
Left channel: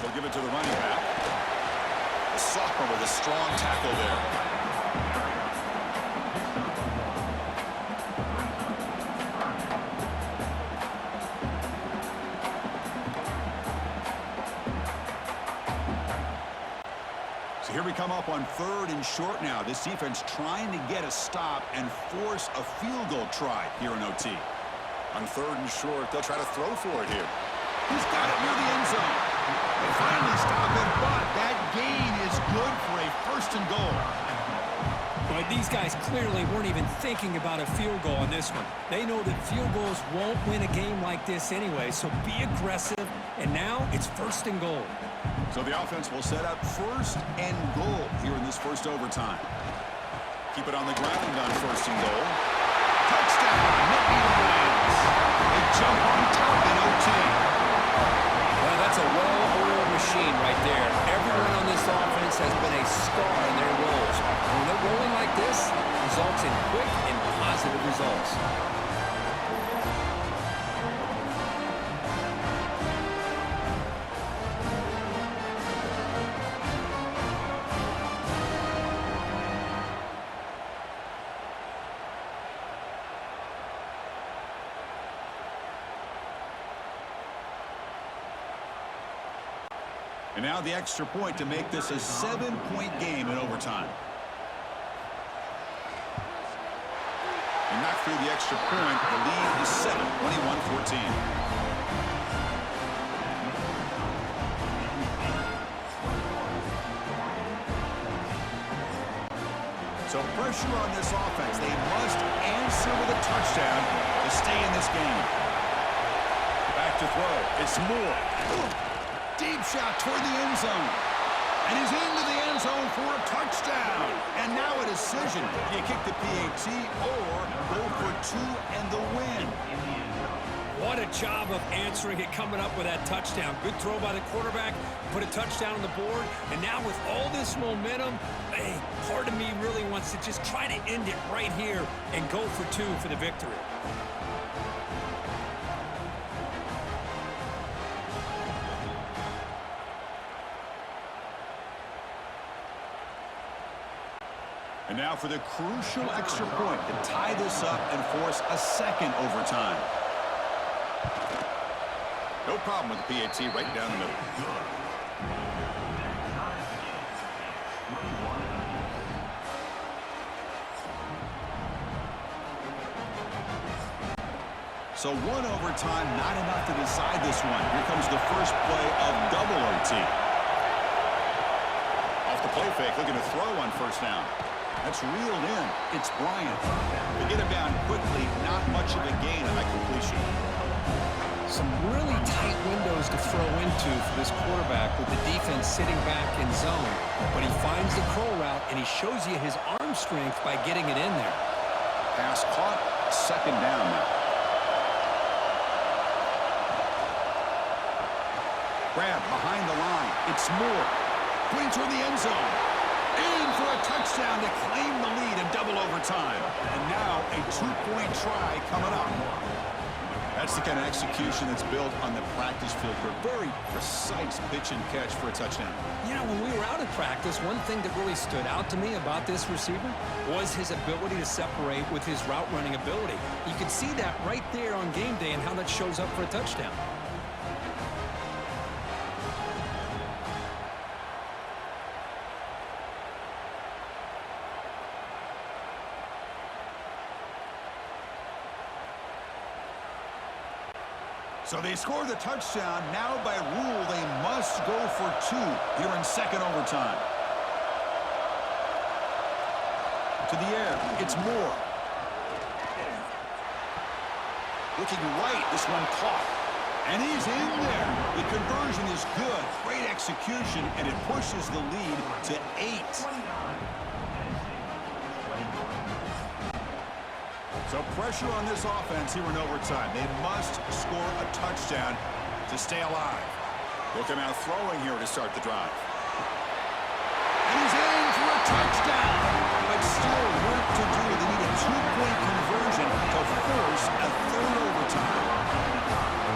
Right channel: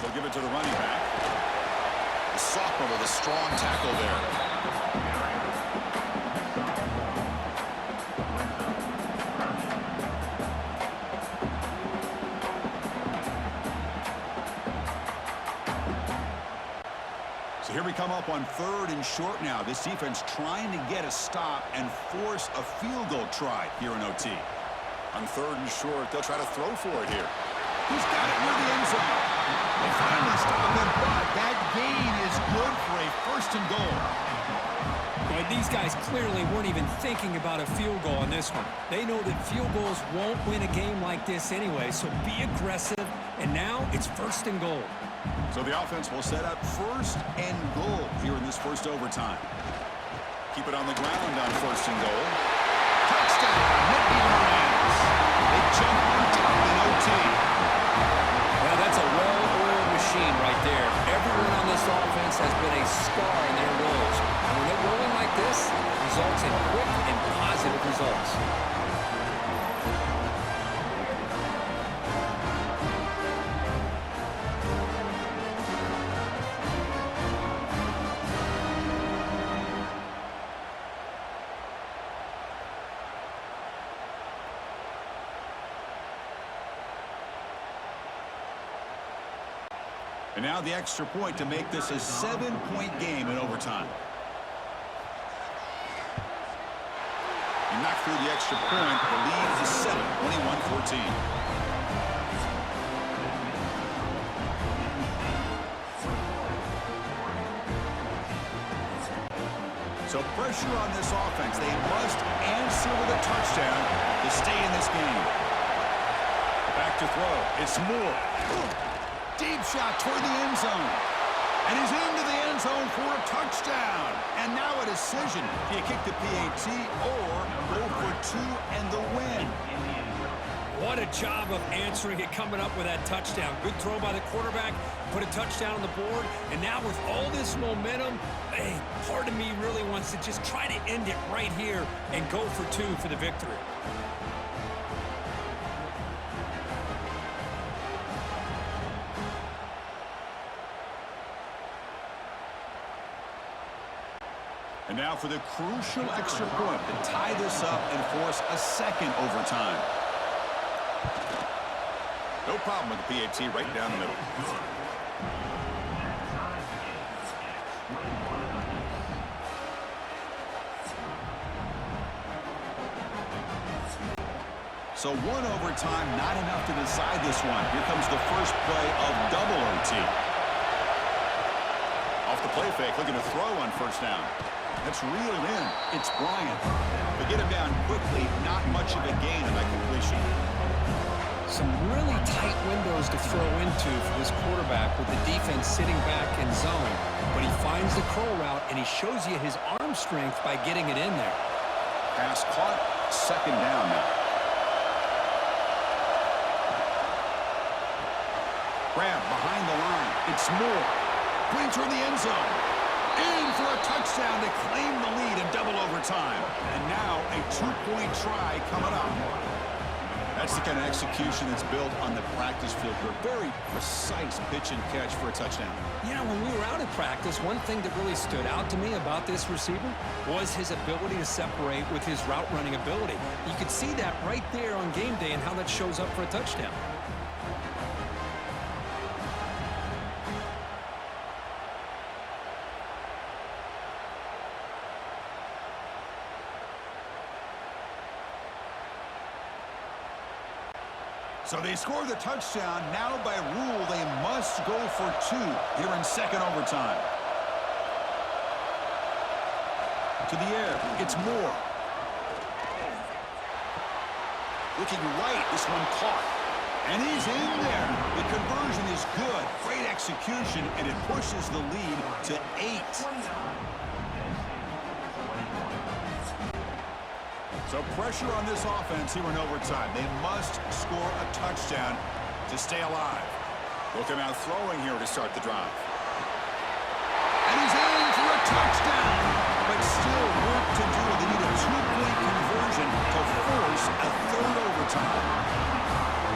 They'll give it to the running back. The sophomore with a strong tackle there. So here we come up on 3rd and short now. This defense trying to get a stop and force a field goal try here in OT. On 3rd and short, they'll try to throw for it here. He's got it near the end zone. They finally stop him, but that gain is good for a 1st and goal. But these guys clearly weren't even thinking about a field goal on this one. They know that field goals won't win a game like this anyway, so be aggressive, and now it's 1st and goal. So the offense will set up 1st and goal here in this first overtime. Keep it on the ground on 1st and goal. Touchdown, Nittany Lions. They jump on top in OT. Well, that's a well-oiled machine right there. Everyone on this offense has been a star in their roles. And when they're rolling like this, it results in quick and positive results. And now the extra point to make this a 7-point game in overtime. He knocked through the extra point. The lead is 7, 21-14. So pressure on this offense. They must answer with a touchdown to stay in this game. Back to throw. It's Moore. Deep shot toward the end zone. And he's into the end zone for a touchdown. And now a decision. Do you kick the PAT or go for 2 and the win? What a job of answering it, coming up with that touchdown. Good throw by the quarterback, put a touchdown on the board, and now with all this momentum, hey, part of me really wants to just try to end it right here and go for 2 for the victory. And now for the crucial extra point to tie this up and force a second overtime. No problem with the PAT right down the middle. So 1 overtime, not enough to decide this one. Here comes the first play of double OT. Off the play fake, looking to throw on first down. That's reeled in. It's Bryant. To get him down quickly, not much of a gain on that completion. Some really tight windows to throw into for this quarterback with the defense sitting back in zone. But he finds the curl route, and he shows you his arm strength by getting it in there. Pass caught, second down now. Grab behind the line. It's Moore. Putting toward the end zone. In for a touchdown to claim the lead in double overtime. And now a 2-point try coming up. That's the kind of execution that's built on the practice field for a very precise pitch and catch for a touchdown. You know, when we were out at practice, one thing that really stood out to me about this receiver was his ability to separate with his route running ability. You could see that right there on game day and how that shows up for a touchdown. So they score the touchdown. Now by rule, they must go for 2 here in second overtime. To the air, it's Moore. Looking right, this one caught. And he's in there. The conversion is good. Great execution, and it pushes the lead to 8. So pressure on this offense here in overtime. They must score a touchdown to stay alive. Look him out throwing here to start the drive. And he's in for a touchdown. But still work to do. They need a 2-point conversion to force a third overtime.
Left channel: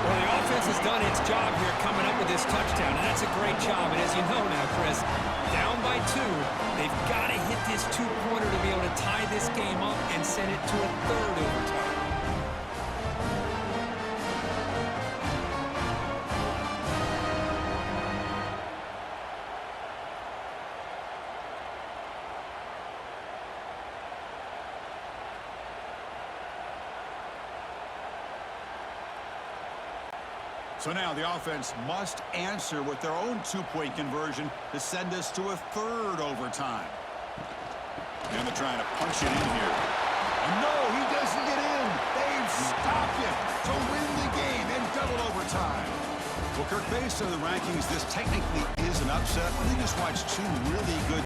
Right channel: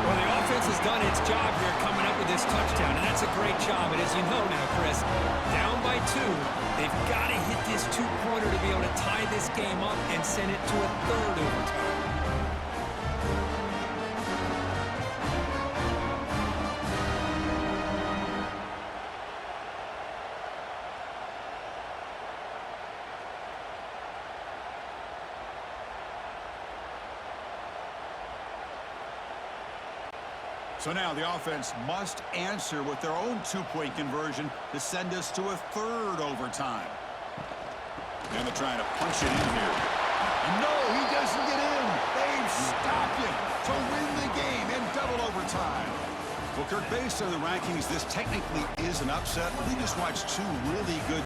Well, the offense has done its job here coming up with this touchdown, and that's a great job. And as you know now, Chris, down by 2, they've got to hit this 2-pointer to be able to tie this game up and send it to a third overtime. So now the offense must answer with their own 2-point conversion to send us to a third overtime. And they're trying to punch it in here. And no, he doesn't get in. They've stopped him to win the game in double overtime. Well, Kirk, based on the rankings, this technically is an upset. We just watched 2 really good